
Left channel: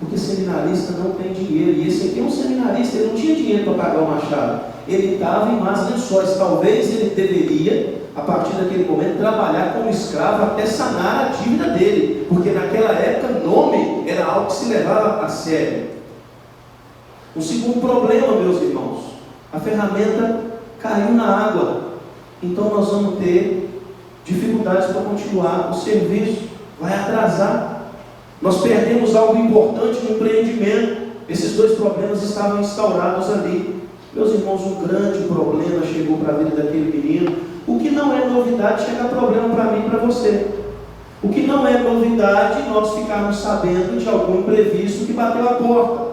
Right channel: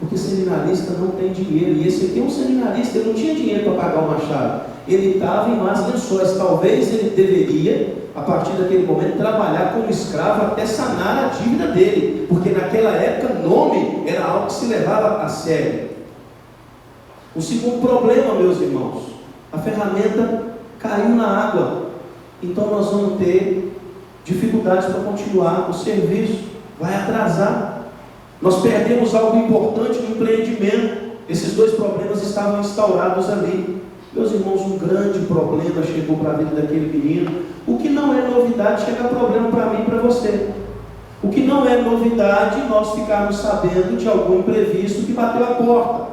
Porque seminarista não tem dinheiro. E esse aqui é um seminarista, ele não tinha dinheiro para pagar o machado. Ele estava em más lençóis. Talvez ele deveria, a partir daquele momento, trabalhar como escravo até sanar a dívida dele. Porque naquela época, nome era algo que se levava a sério. O segundo problema, meus irmãos, a ferramenta caiu na água. Então nós vamos ter dificuldades para continuar o serviço. Vai atrasar. Nós perdemos algo importante no empreendimento. Esses 2 problemas estavam instaurados ali. Meus irmãos, um grande problema chegou para a vida daquele menino. O que não é novidade, chega problema para mim e para você. O que não é novidade, nós ficarmos sabendo de algum imprevisto que bateu a porta.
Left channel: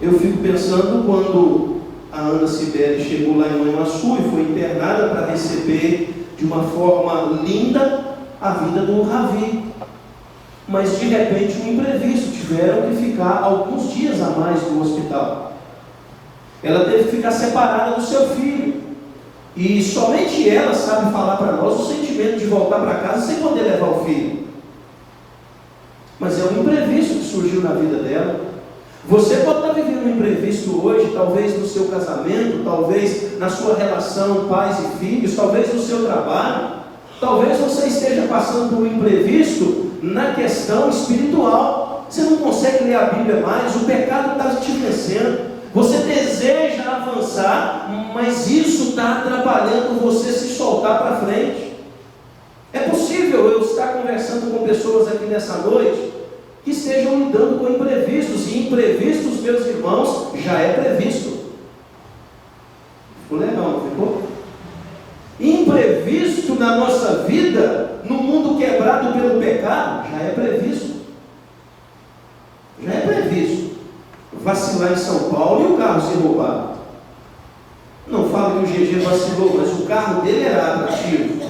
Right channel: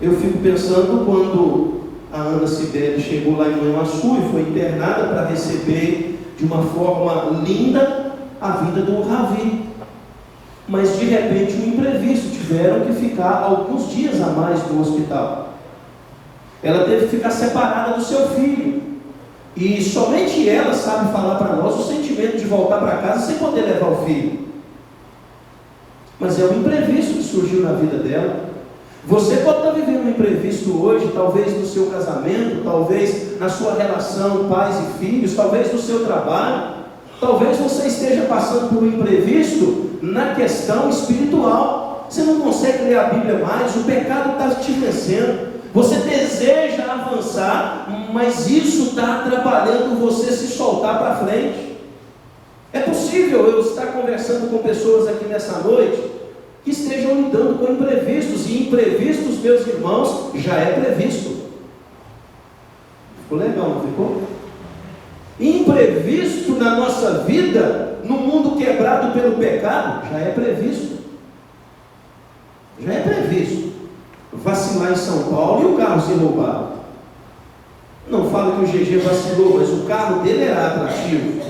Eu fico pensando quando a Ana Cibele chegou lá em Manhuaçu e foi internada para receber de uma forma linda a vida do Ravi. Mas de repente um imprevisto, tiveram que ficar alguns dias a mais no hospital. Ela teve que ficar separada do seu filho. E somente ela sabe falar para nós o sentimento de voltar para casa sem poder levar o filho. Mas é um imprevisto que surgiu na vida dela. Você pode estar vivendo um imprevisto hoje, talvez no seu casamento, talvez na sua relação pais e filhos, talvez no seu trabalho, talvez você esteja passando por um imprevisto na questão espiritual. Você não consegue ler a Bíblia mais, o pecado está te vencendo, você deseja avançar, mas isso está atrapalhando você se soltar para frente. É possível eu estar conversando com pessoas aqui nessa noite que estejam lidando com imprevistos, e imprevistos, meus irmãos, já é previsto. Ficou legal, não ficou? Imprevisto na nossa vida, no mundo quebrado pelo pecado, já é previsto. Já é previsto. Vacilar em São Paulo e o carro ser roubado. Não fala que o GG vacilou, mas o carro dele era atrativo.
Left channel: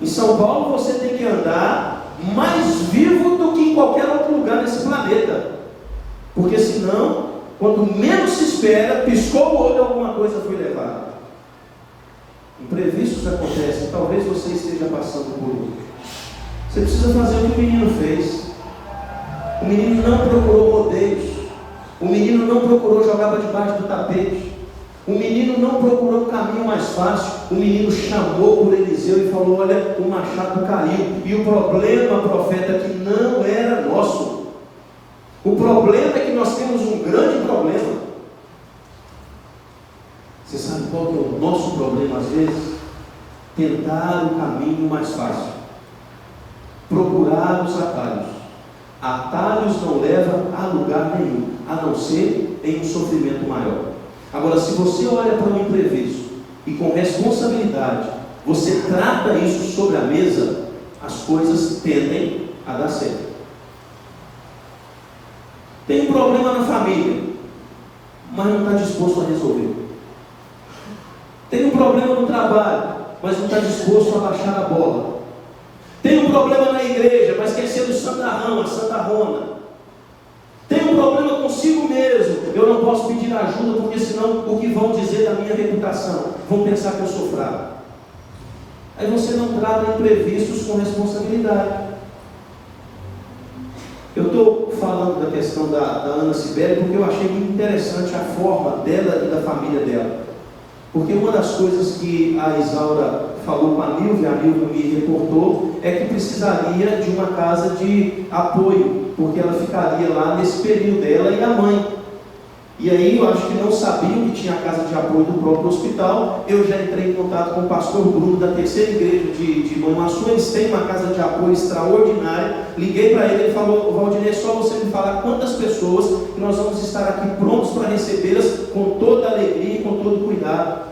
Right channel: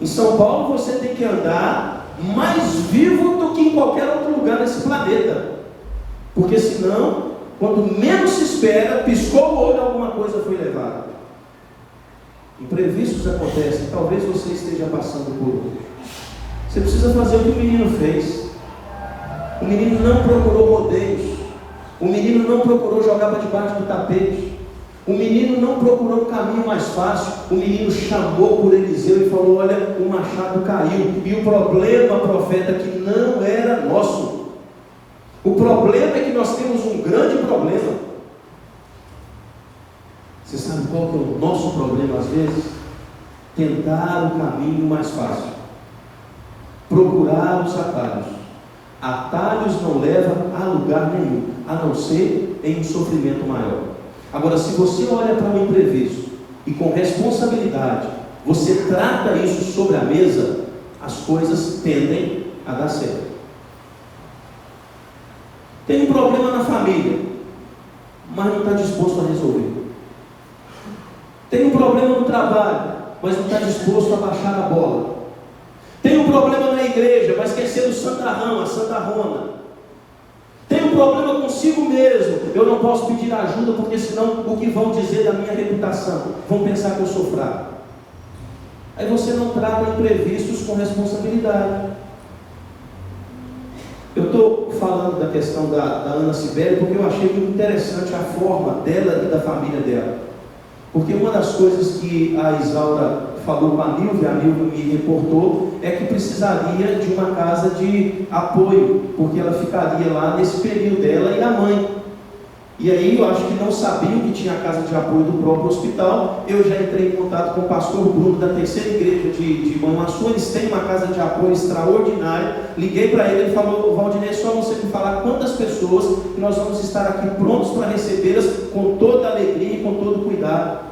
Em São Paulo você tem que andar mais vivo do que em qualquer outro lugar nesse planeta. Porque senão, quando menos se espera, piscou o olho, alguma coisa foi levada. Imprevistos acontecem, talvez você esteja passando por um. Você precisa fazer o que o menino fez. O menino não procurou rodeios. O menino não procurou jogar para debaixo do tapete. O menino não procurou o caminho mais fácil. O menino chamou por Eliseu e falou: olha, o machado caiu. E o problema, profeta, que não era nosso. O problema é que nós temos um grande problema. Você sabe qual que é o nosso problema às vezes? Tentar o caminho mais fácil. Procurar os atalhos. Atalhos não levam a lugar nenhum, a não ser em um sofrimento maior. Agora, se você olha para um imprevisto e com responsabilidade, você trata isso sobre a mesa, as coisas tendem a dar certo. Tem um problema na família, mas não está disposto a resolver. Tem um problema no trabalho, mas não está disposto a baixar a bola. Tem um problema na igreja, mas quer ser o santarrão, a santarrona. Tem um problema consigo mesmo. Eu não posso pedir ajuda, porque senão o que vão dizer da minha reputação? Vão pensar que eu sou fraco. Aí você não trata imprevistos com responsabilidade. Eu estou falando da questão da Ana Cibele, porque eu achei muito interessante a forma dela e da família dela. Porque uma das coisas que a Isaura falou com a Nilvia me reportou, é que precisaria de uma casa de apoio, porque ela ficaria lá nesse período, dela e a mãe. E aí eu acho que não sabiam que tinha a casa de apoio do próprio hospital. Eu já entrei em contato com o pastor Bruno da terceira igreja de Manhuaçu. Eles têm uma casa de apoio extraordinária. Liguei para ele, ele falou: Valdinei, é só você me falar quantas pessoas, que nós vamos estar aqui prontos para recebê-las com toda alegria e com todo cuidado.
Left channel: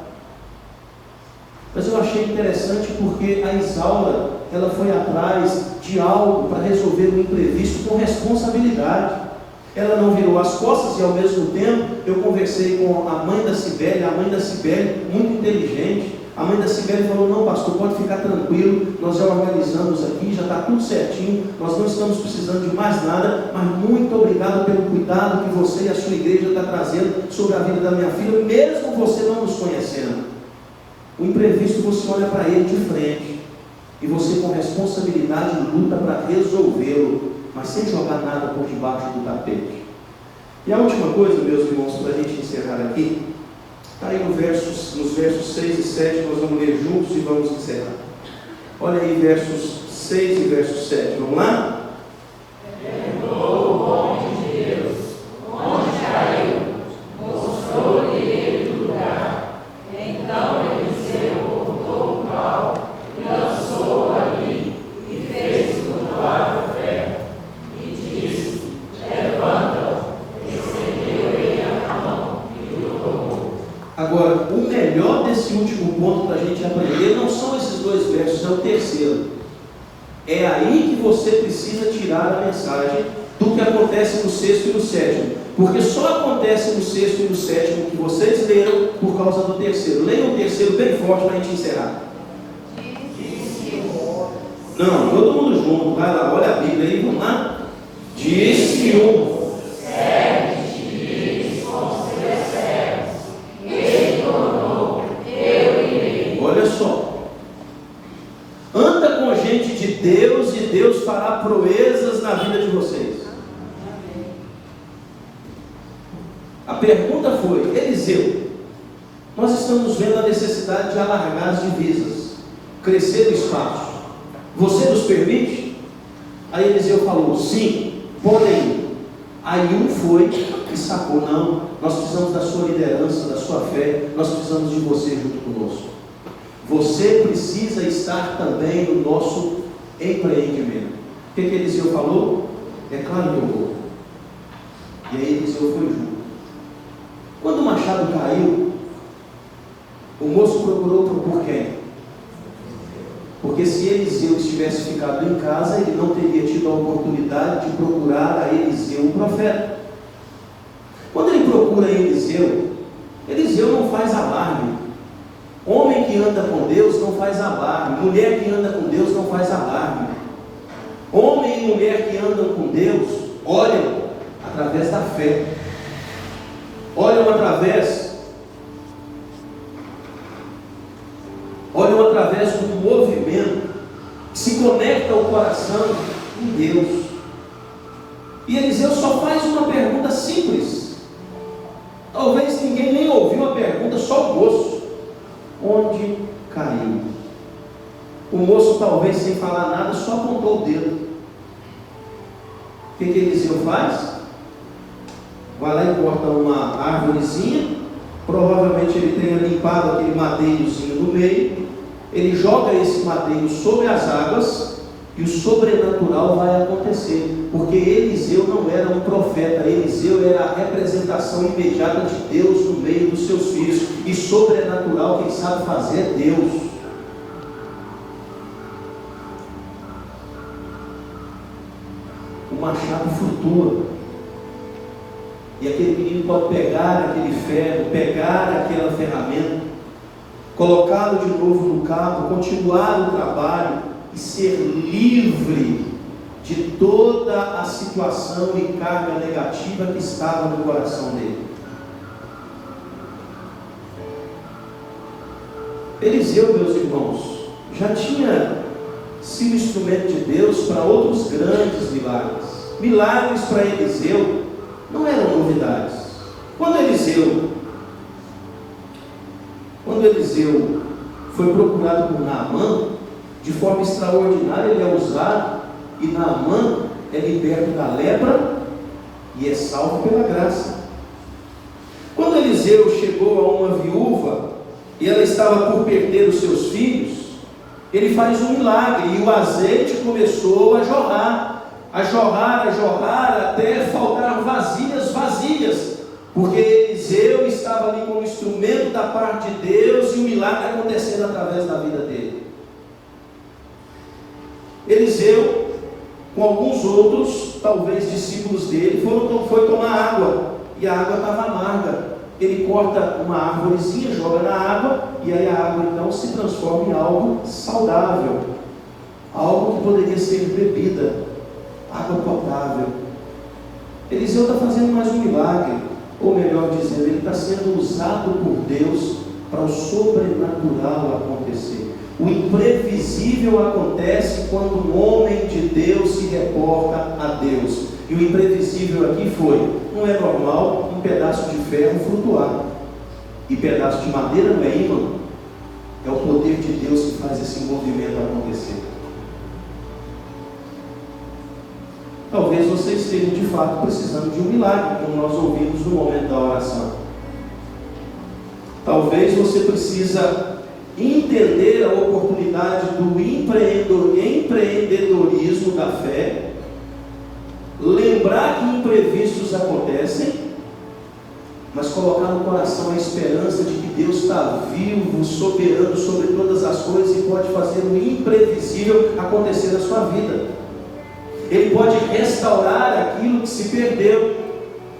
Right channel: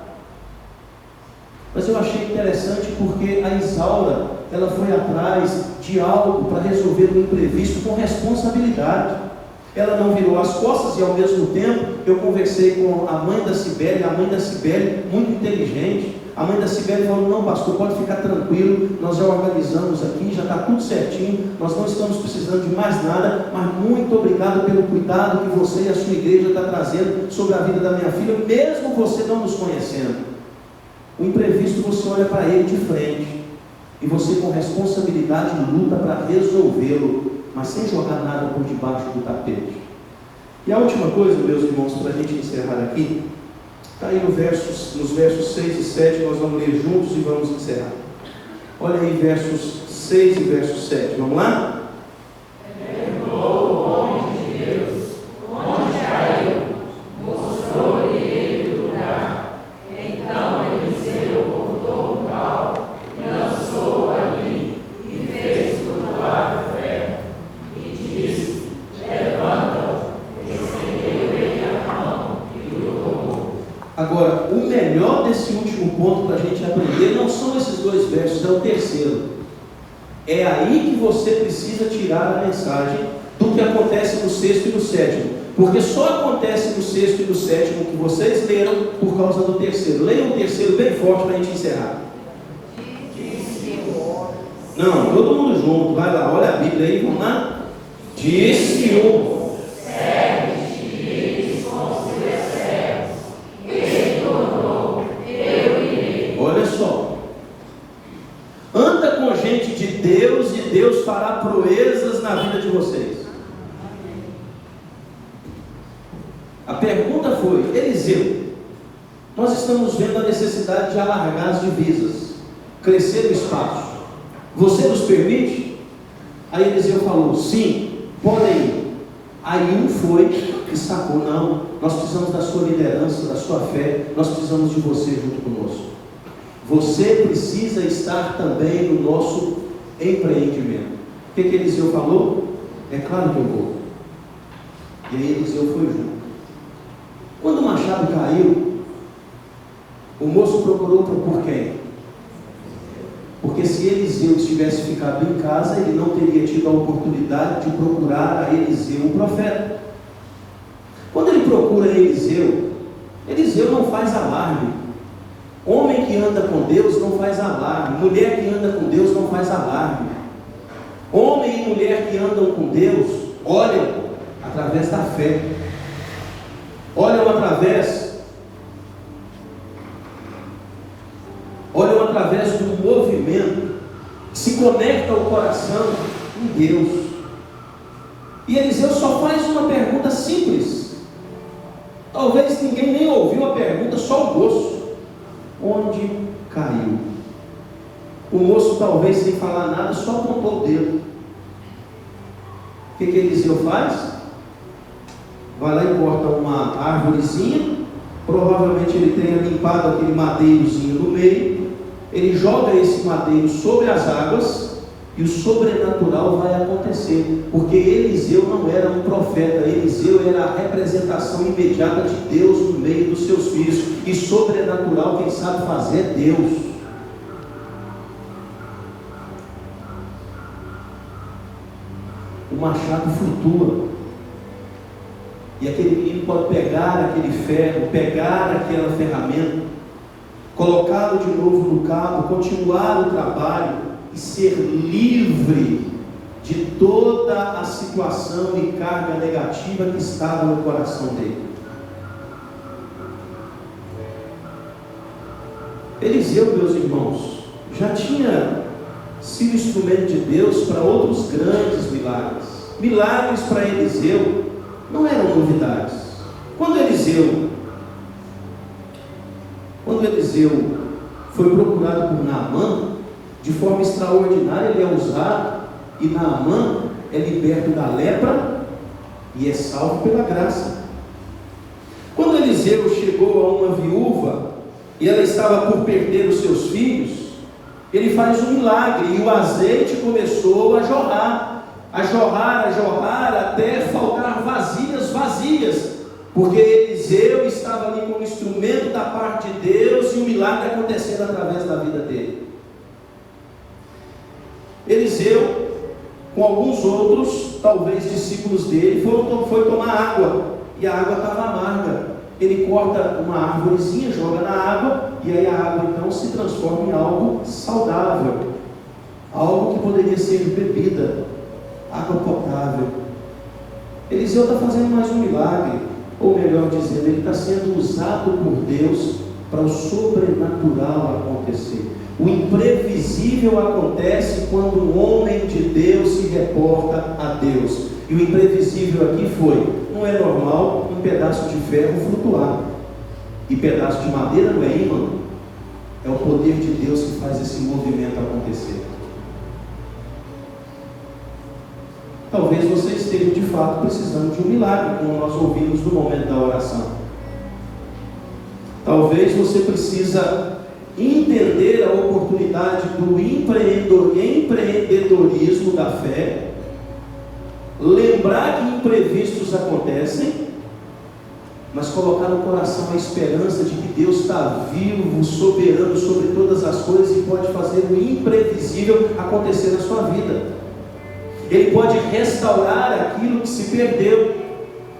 Mas eu achei interessante porque a Isaura, ela foi atrás de algo para resolver o imprevisto com responsabilidade. Ela não virou as costas, e ao mesmo tempo eu conversei com a mãe da Cibele, muito inteligente. A mãe da Cibele falou: não, pastor, pode ficar tranquilo, nós já organizamos aqui, já está tudo certinho, nós não estamos precisando de mais nada, mas muito obrigado pelo cuidado que você e a sua igreja está trazendo sobre a vida da minha filha, mesmo você não nos conhecendo. O imprevisto, você olha para ele de frente, e você com responsabilidade luta para resolvê-lo, mas sem jogar nada por debaixo do tapete. E a última coisa, meus irmãos, para a gente encerrar aqui, está aí nos versos 6 e 7, nós vamos ler juntos e vamos encerrar. Olha aí versos 6 e verso 7, vamos lá? Agora, o melhor desse último ponto para a gente aprender não são esses dois versos, é o terceiro. É aí que você precisa tirar a mensagem do que acontece no sexto e no sétimo. Porque só acontece no sexto e no sétimo que vocês leram por causa do terceiro. Leiam o terceiro bem forte para a gente encerrar. Não, todo mundo junto, vai lá, olha a Bíblia aí, vamos lá. Disse um. Olha só, anda com gente de Deus e Deus fará proezas na vida de vocês. A pergunta foi: Eliseu, nós estamos vendo a necessidade de alargar as divisas, crescer o espaço, você nos permite? Aí Eliseu falou: sim, podem ir. Aí um foi e sacou: não, nós precisamos da sua liderança, da sua fé, nós precisamos de você junto conosco. Você precisa estar também no nosso empreendimento. O que Eliseu falou? É claro que eu vou. E aí Eliseu foi junto. Quando o machado caiu, O moço procurou por quem? Porque se Eliseu tivesse ficado em casa, ele não teria tido a oportunidade de procurar a Eliseu, o profeta. Quando ele procura Eliseu, Eliseu não faz alarme. Homem que anda com Deus não faz alarme. Mulher que anda com Deus não faz alarme. Homem e mulher que andam com Deus olham através da fé. Olham através do movimento que se conecta ao coração em Deus. E Eliseu só faz uma pergunta simples. Talvez ninguém nem ouviu a pergunta, só o moço. Onde caiu? O moço, talvez sem falar nada, só apontou o dedo. O que Eliseu faz? Vai lá e corta uma árvorezinha. Provavelmente ele tenha limpado aquele madeirozinho no meio. Ele joga esse madeiro sobre as águas e o sobrenatural vai acontecer, porque Eliseu não era um profeta, Eliseu era a representação imediata de Deus no meio dos seus filhos, e sobrenatural quem sabe fazer é Deus. O machado flutua, e aquele menino pode pegar aquele ferro, pegar aquela ferramenta, colocá-lo de novo no cabo, continuar o trabalho e ser livre de toda a situação e carga negativa que estava no coração dele. Eliseu, meus irmãos, já tinha sido instrumento de Deus para outros grandes milagres. Milagres para Eliseu não eram novidades. Quando Eliseu foi procurado por Naamã, de forma extraordinária ele é usado, e Naamã é liberto da lepra e é salvo pela graça. Quando Eliseu chegou a uma viúva e ela estava por perder os seus filhos, ele faz um milagre e o azeite começou a jorrar, até faltar vazias, porque Eliseu estava ali como instrumento da parte de Deus e o milagre acontecendo através da vida dele. Eliseu, com alguns outros, talvez discípulos dele, foi tomar água, e a água estava amarga. Ele corta uma árvorezinha, joga na água, e aí a água então se transforma em algo saudável, algo que poderia ser bebida, água potável. Eliseu está fazendo mais um milagre, ou melhor dizendo, ele está sendo usado por Deus para o sobrenatural acontecer. O imprevisível acontece quando um homem de Deus se reporta a Deus. E o imprevisível aqui não é normal um pedaço de ferro flutuar. E pedaço de madeira não é ímã. É o poder de Deus que faz esse movimento acontecer. Talvez você esteja de fato precisando de um milagre, como nós ouvimos no momento da oração. Talvez você precisa entender a oportunidade do empreendedorismo da fé, lembrar que imprevistos acontecem, mas colocar no coração a esperança de que Deus está vivo, soberano sobre todas as coisas e pode fazer o imprevisível acontecer na sua vida. Ele pode restaurar aquilo que se perdeu.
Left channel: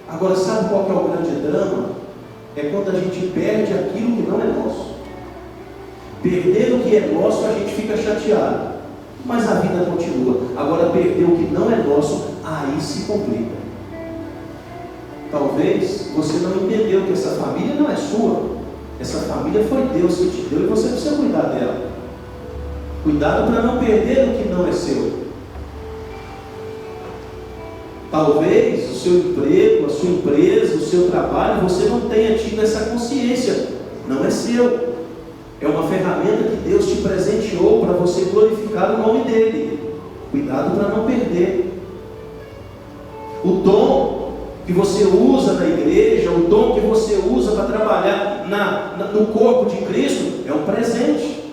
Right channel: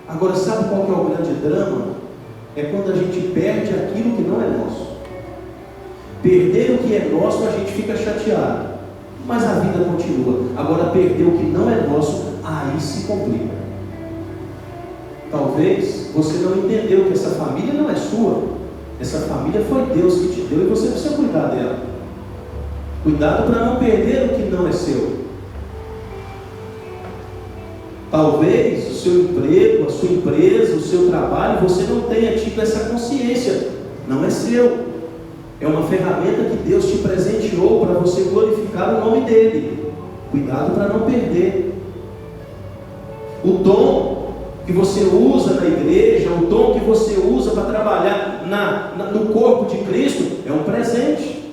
Agora, sabe qual que é o grande drama? É quando a gente perde aquilo que não é nosso. Perder o que é nosso, a gente fica chateado, mas a vida continua. Agora, perder o que não é nosso, aí se complica. Talvez você não entendeu que essa família não é sua. Essa família foi Deus que te deu e você precisa cuidar dela. Cuidado para não perder o que não é seu. Talvez o seu emprego, a sua empresa, o seu trabalho, você não tenha tido essa consciência. Não é seu. É uma ferramenta que Deus te presenteou para você glorificar o nome dele. Cuidado para não perder. O dom que você usa na igreja, o dom que você usa para trabalhar no corpo de Cristo, é um presente.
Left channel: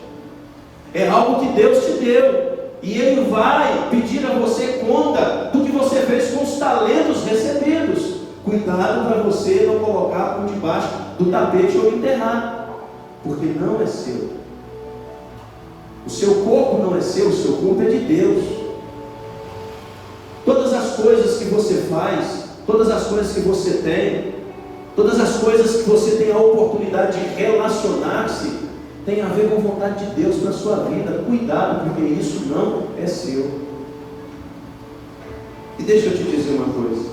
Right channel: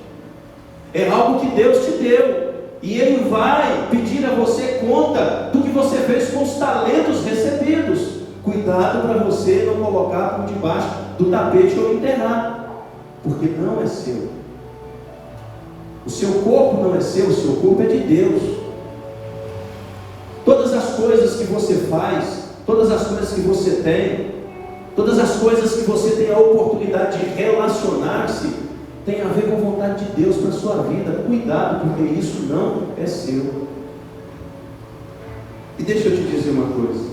É algo que Deus te deu. E Ele vai pedir a você conta do que você fez com os talentos recebidos. Cuidado para você não colocar por debaixo do tapete ou enterrar. porque não é seu. O seu corpo não é seu, o seu corpo é de Deus. Todas as coisas que você faz, todas as coisas que você tem, todas as coisas que você tem a oportunidade de relacionar-se, tem a ver com a vontade de Deus para a sua vida. Cuidado, porque isso não é seu. E deixa eu te dizer uma coisa.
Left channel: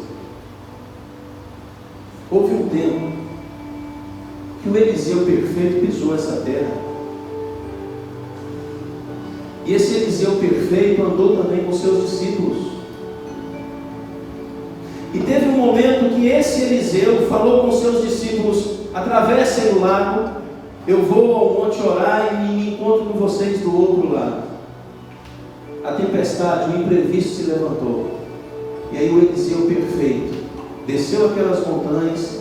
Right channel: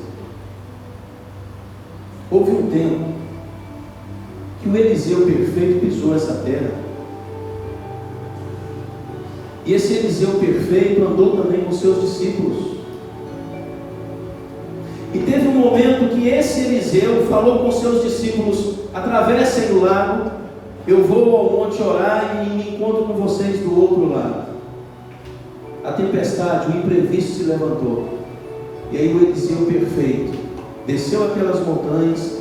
Houve um tempo que o Eliseu perfeito pisou essa terra. E esse Eliseu perfeito andou também com seus discípulos. E teve um momento que esse Eliseu falou com seus discípulos: atravessem o lago, eu vou ao monte orar e me encontro com vocês do outro lado. A tempestade, o imprevisto se levantou. E aí o Eliseu perfeito desceu aquelas montanhas,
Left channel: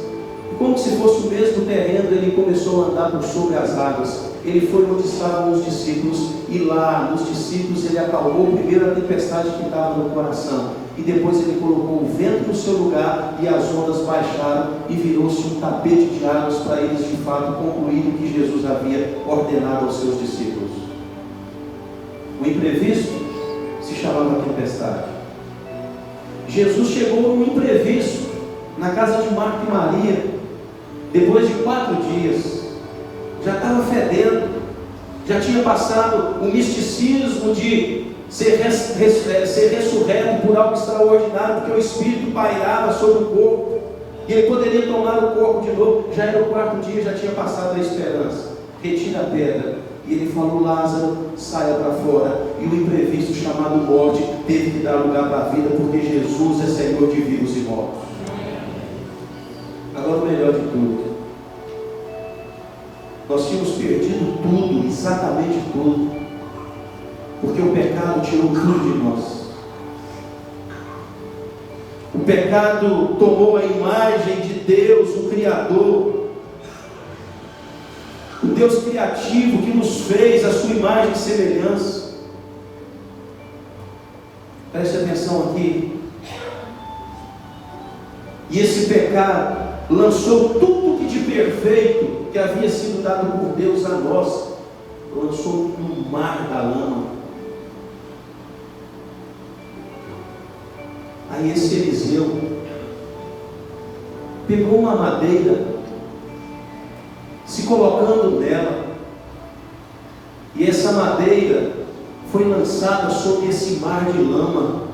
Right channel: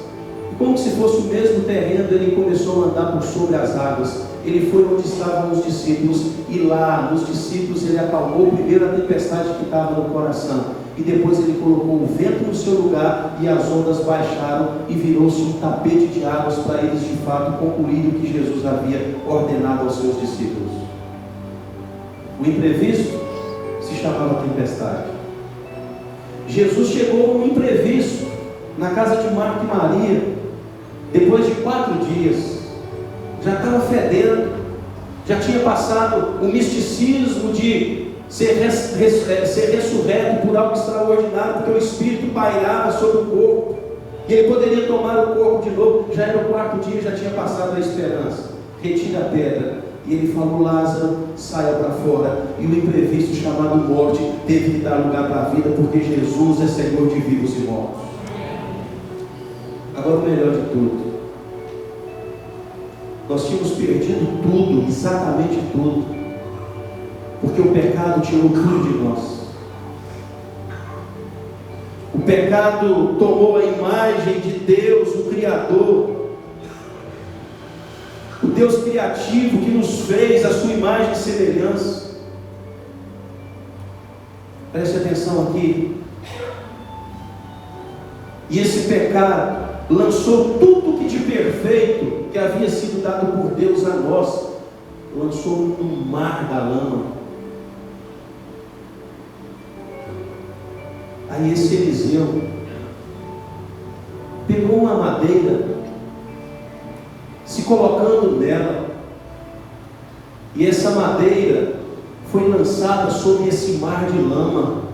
e como se fosse o mesmo terreno, ele começou a andar por sobre as águas. Ele foi onde estavam os discípulos, e lá nos discípulos ele acalmou primeiro a tempestade que estava no coração, e depois ele colocou o vento no seu lugar, e as ondas baixaram, e virou-se um tapete de águas para eles de fato concluírem o que Jesus havia ordenado aos seus discípulos. O imprevisto se chamava tempestade. Jesus chegou num imprevisto na casa de Marta e Maria, depois de 4 dias. Já estava fedendo, já tinha passado o misticismo de ser ressurreto por algo extraordinário, porque o Espírito pairava sobre o corpo, e ele poderia tomar o corpo de novo. Já era o 4º dia, já tinha passado a esperança. Retira a pedra, e ele falou: Lázaro, saia para fora. E o imprevisto chamado morte teve que dar lugar para a vida, porque Jesus é Senhor de vivos e mortos. Agora o melhor de tudo, nós tínhamos perdido tudo, exatamente tudo, porque o pecado tirou tudo de nós. O pecado tomou a imagem de Deus, o Criador, o Deus criativo que nos fez a sua imagem e semelhança. Preste atenção aqui. E esse pecado lançou tudo que de perfeito que havia sido dado por Deus a nós, lançou no mar da lama. Aí esse Eliseu pegou uma madeira, se colocando nela, e essa madeira foi lançada sobre esse mar de lama,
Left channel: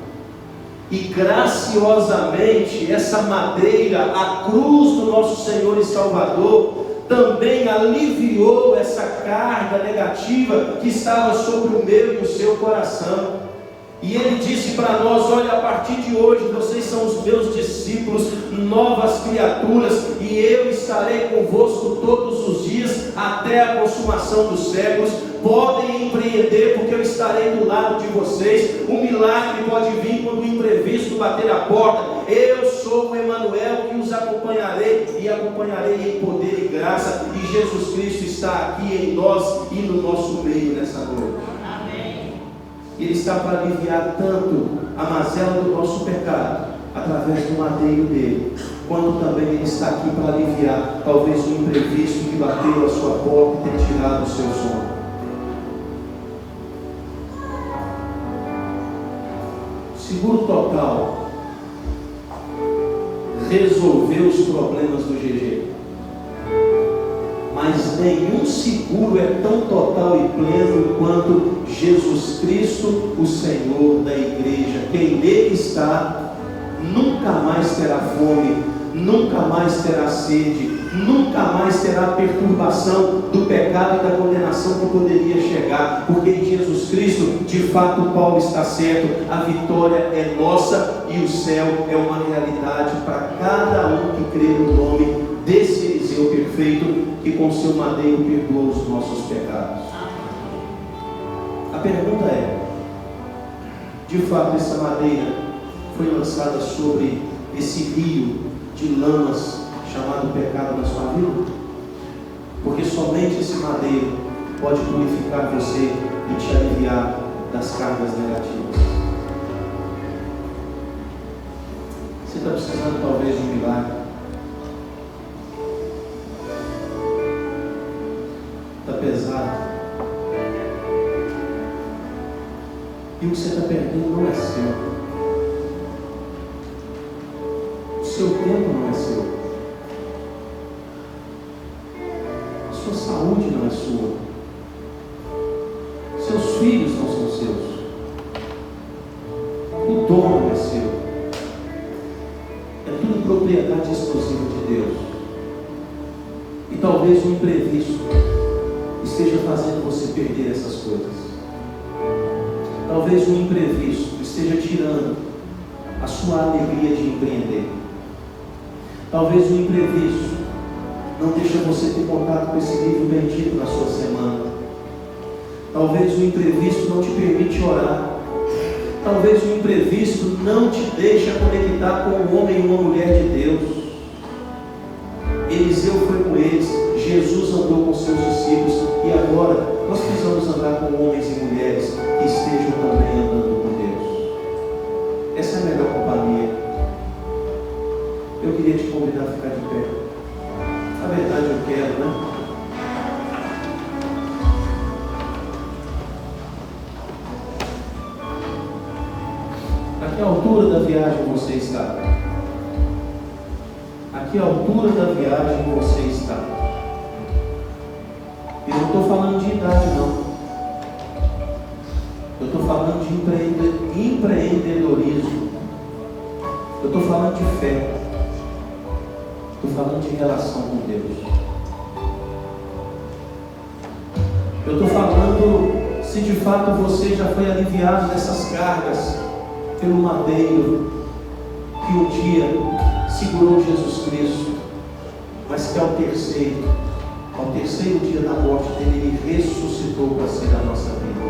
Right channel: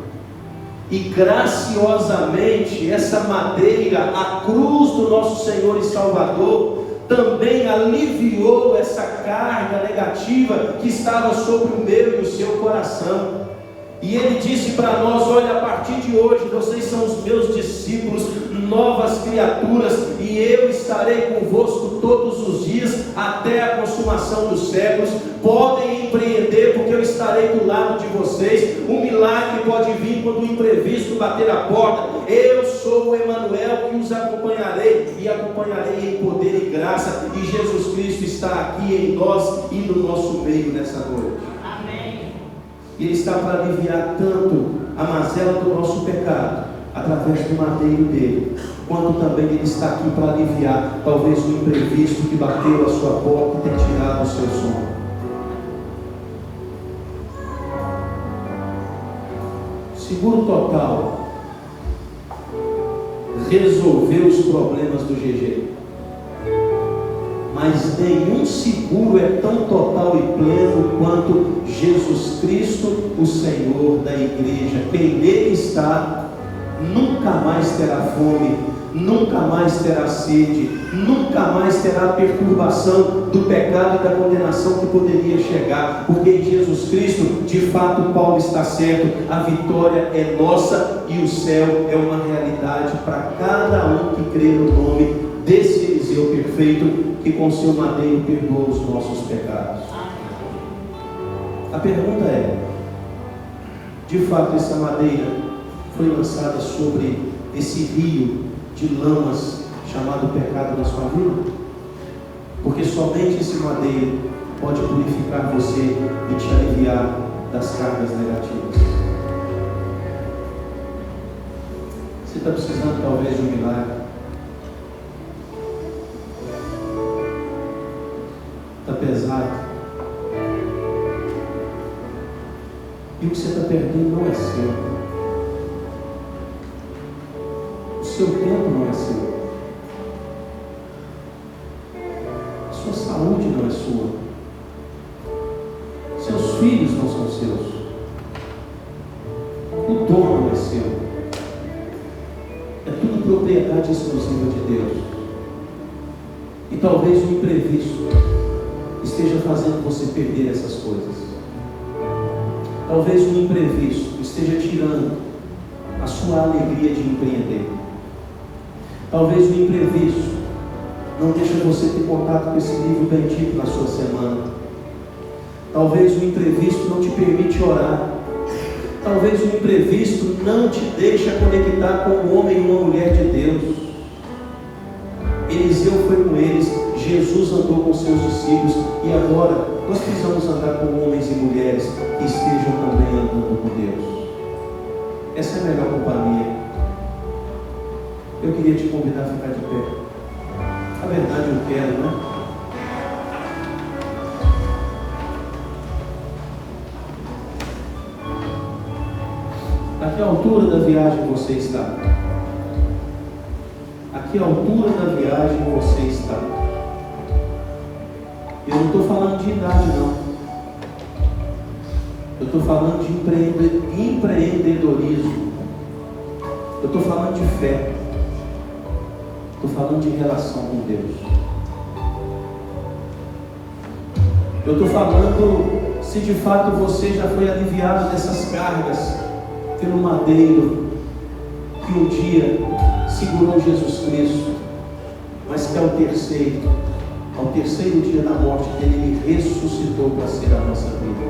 e graciosamente essa madeira, a cruz do nosso Senhor e Salvador, também aliviou essa carga negativa que estava sobre o meu e o seu coração. E ele disse para nós: olha, a partir de hoje vocês são os meus discípulos, novas criaturas, e eu estarei convosco todos os dias até a consumação dos séculos. Podem empreender, porque eu estarei do lado de vocês. O milagre pode vir quando o imprevisto bater a porta. Eu sou o Emanuel que os acompanharei, e acompanharei em poder e graça, e Jesus Cristo está aqui em nós e no nosso meio nessa noite. E Ele está para aliviar tanto a mazela do nosso pecado, através do madeiro dele, quanto também Ele está aqui para aliviar talvez o imprevisto que bateu a sua porta e tem tirado o seu sono. Seguro Total resolveu os problemas do GG, mas nenhum seguro é tão total e pleno quanto Jesus Cristo, o Senhor da igreja. Quem nele está nunca mais terá fome, nunca mais terá sede, nunca mais terá perturbação do pecado e da condenação que poderia chegar, porque em Jesus Cristo, de fato, Paulo está certo, a vitória é nossa e o céu é uma realidade para cada um que crê no nome desse Eliseu perfeito, que com seu madeiro perdoa os nossos pecados. A pergunta é: de fato essa madeira foi lançada sobre esse rio de lamas chamado pecado na sua vida? Porque somente esse madeiro pode purificar você e te aliviar das cargas negativas. Você está precisando talvez de um milagre. E o que você está perdendo não é seu. O seu tempo não é seu. A sua saúde não é sua. Seus filhos não são seus. O dom não é seu. É tudo propriedade exclusiva de Deus. E talvez o imprevisto esteja fazendo você perder essas coisas. Talvez o imprevisto esteja tirando a sua alegria de empreender. Talvez o imprevisto não deixe você ter contato com esse livro bendito na sua semana. Talvez o imprevisto não te permite orar. Talvez o imprevisto não te deixe conectar com um homem e uma mulher de Deus. Eliseu foi com eles, Jesus andou com seus discípulos, e agora nós precisamos andar com homens e mulheres que estejam também andando com Deus. Essa é a melhor companhia. Eu queria te convidar a ficar de pé. Na verdade eu quero, né? A que altura da viagem você está? A que altura da viagem você está? Eu não estou falando de idade, não. Eu estou falando de empreendedorismo. Eu estou falando de fé. Estou falando de relação com Deus. Eu estou falando se de fato você já foi aliviado dessas cargas pelo madeiro que um dia segurou Jesus Cristo, mas que ao terceiro dia da morte dele, ele ressuscitou para ser a nossa vida.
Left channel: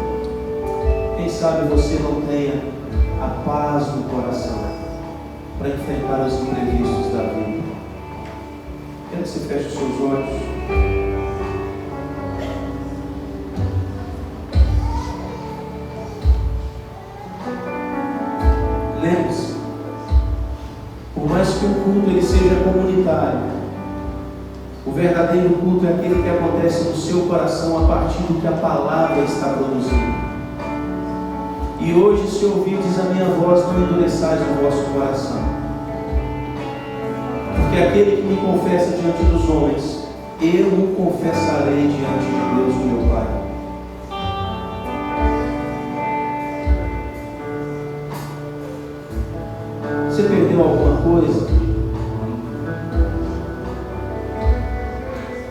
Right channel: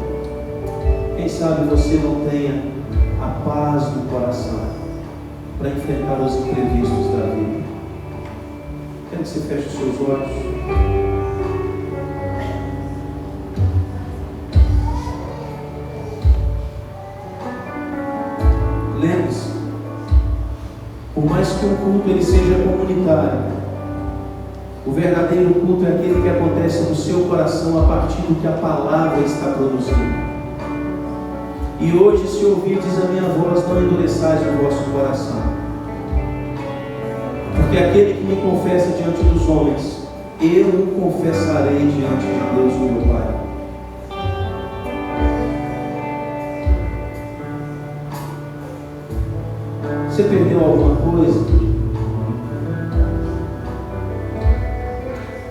Quem sabe você não tenha a paz no coração para enfrentar os imprevistos da vida. Quero que você feche os seus olhos. Lembre-se, por mais que um culto ele seja comunitário, o verdadeiro culto é aquele que acontece no seu coração a partir do que a palavra está produzindo. E hoje, se ouvirdes a minha voz, não endureçais o vosso coração. Porque aquele que me confessa diante dos homens, eu o confessarei diante de Deus, meu Pai. Você perdeu alguma coisa?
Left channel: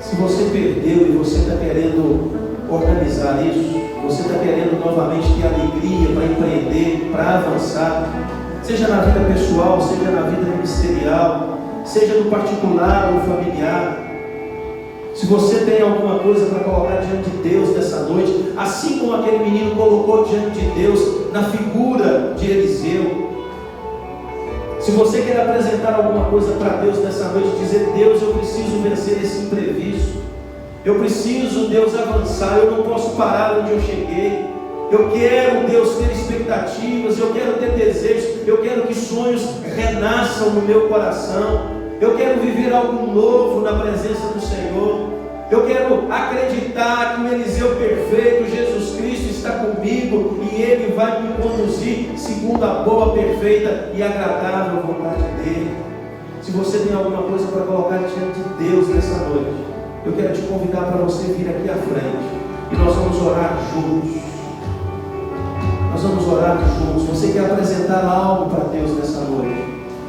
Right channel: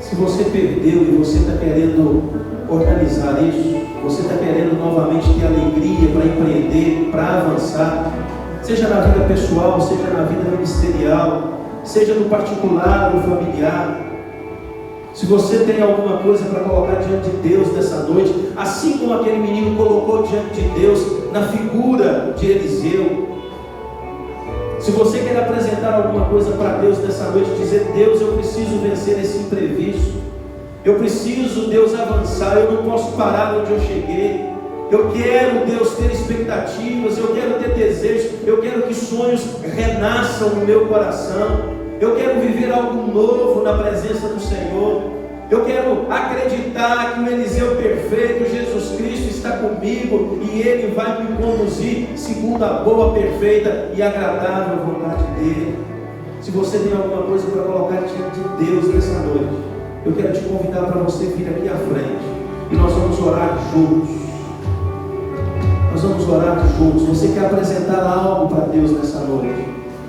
Se você perdeu e você está querendo organizar isso, você está querendo novamente ter alegria para empreender, para avançar, seja na vida pessoal, seja na vida ministerial, seja no particular ou familiar. Se você tem alguma coisa para colocar diante de Deus nessa noite, assim como aquele menino colocou diante de Deus na figura de Eliseu, se você quer apresentar alguma coisa para Deus nessa noite, dizer: Deus, eu preciso vencer esse imprevisto, eu preciso, Deus, avançar, eu não posso parar onde eu cheguei, eu quero, Deus, ter expectativas, eu quero ter desejos, eu quero que sonhos renasçam no meu coração, eu quero viver algo novo na presença do Senhor. Eu quero acreditar que o Eliseu perfeito, Jesus Cristo, está comigo e Ele vai me conduzir segundo a boa, perfeita e agradável vontade dEle. Se você tem alguma coisa para colocar diante de Deus nessa noite, eu quero te convidar para você vir aqui à frente e nós vamos orar juntos. Nós vamos orar juntos. Você quer apresentar algo para Deus nessa noite?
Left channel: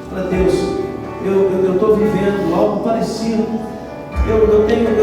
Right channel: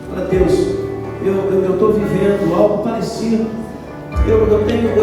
Para Deus, eu estou vivendo algo parecido. Eu tenho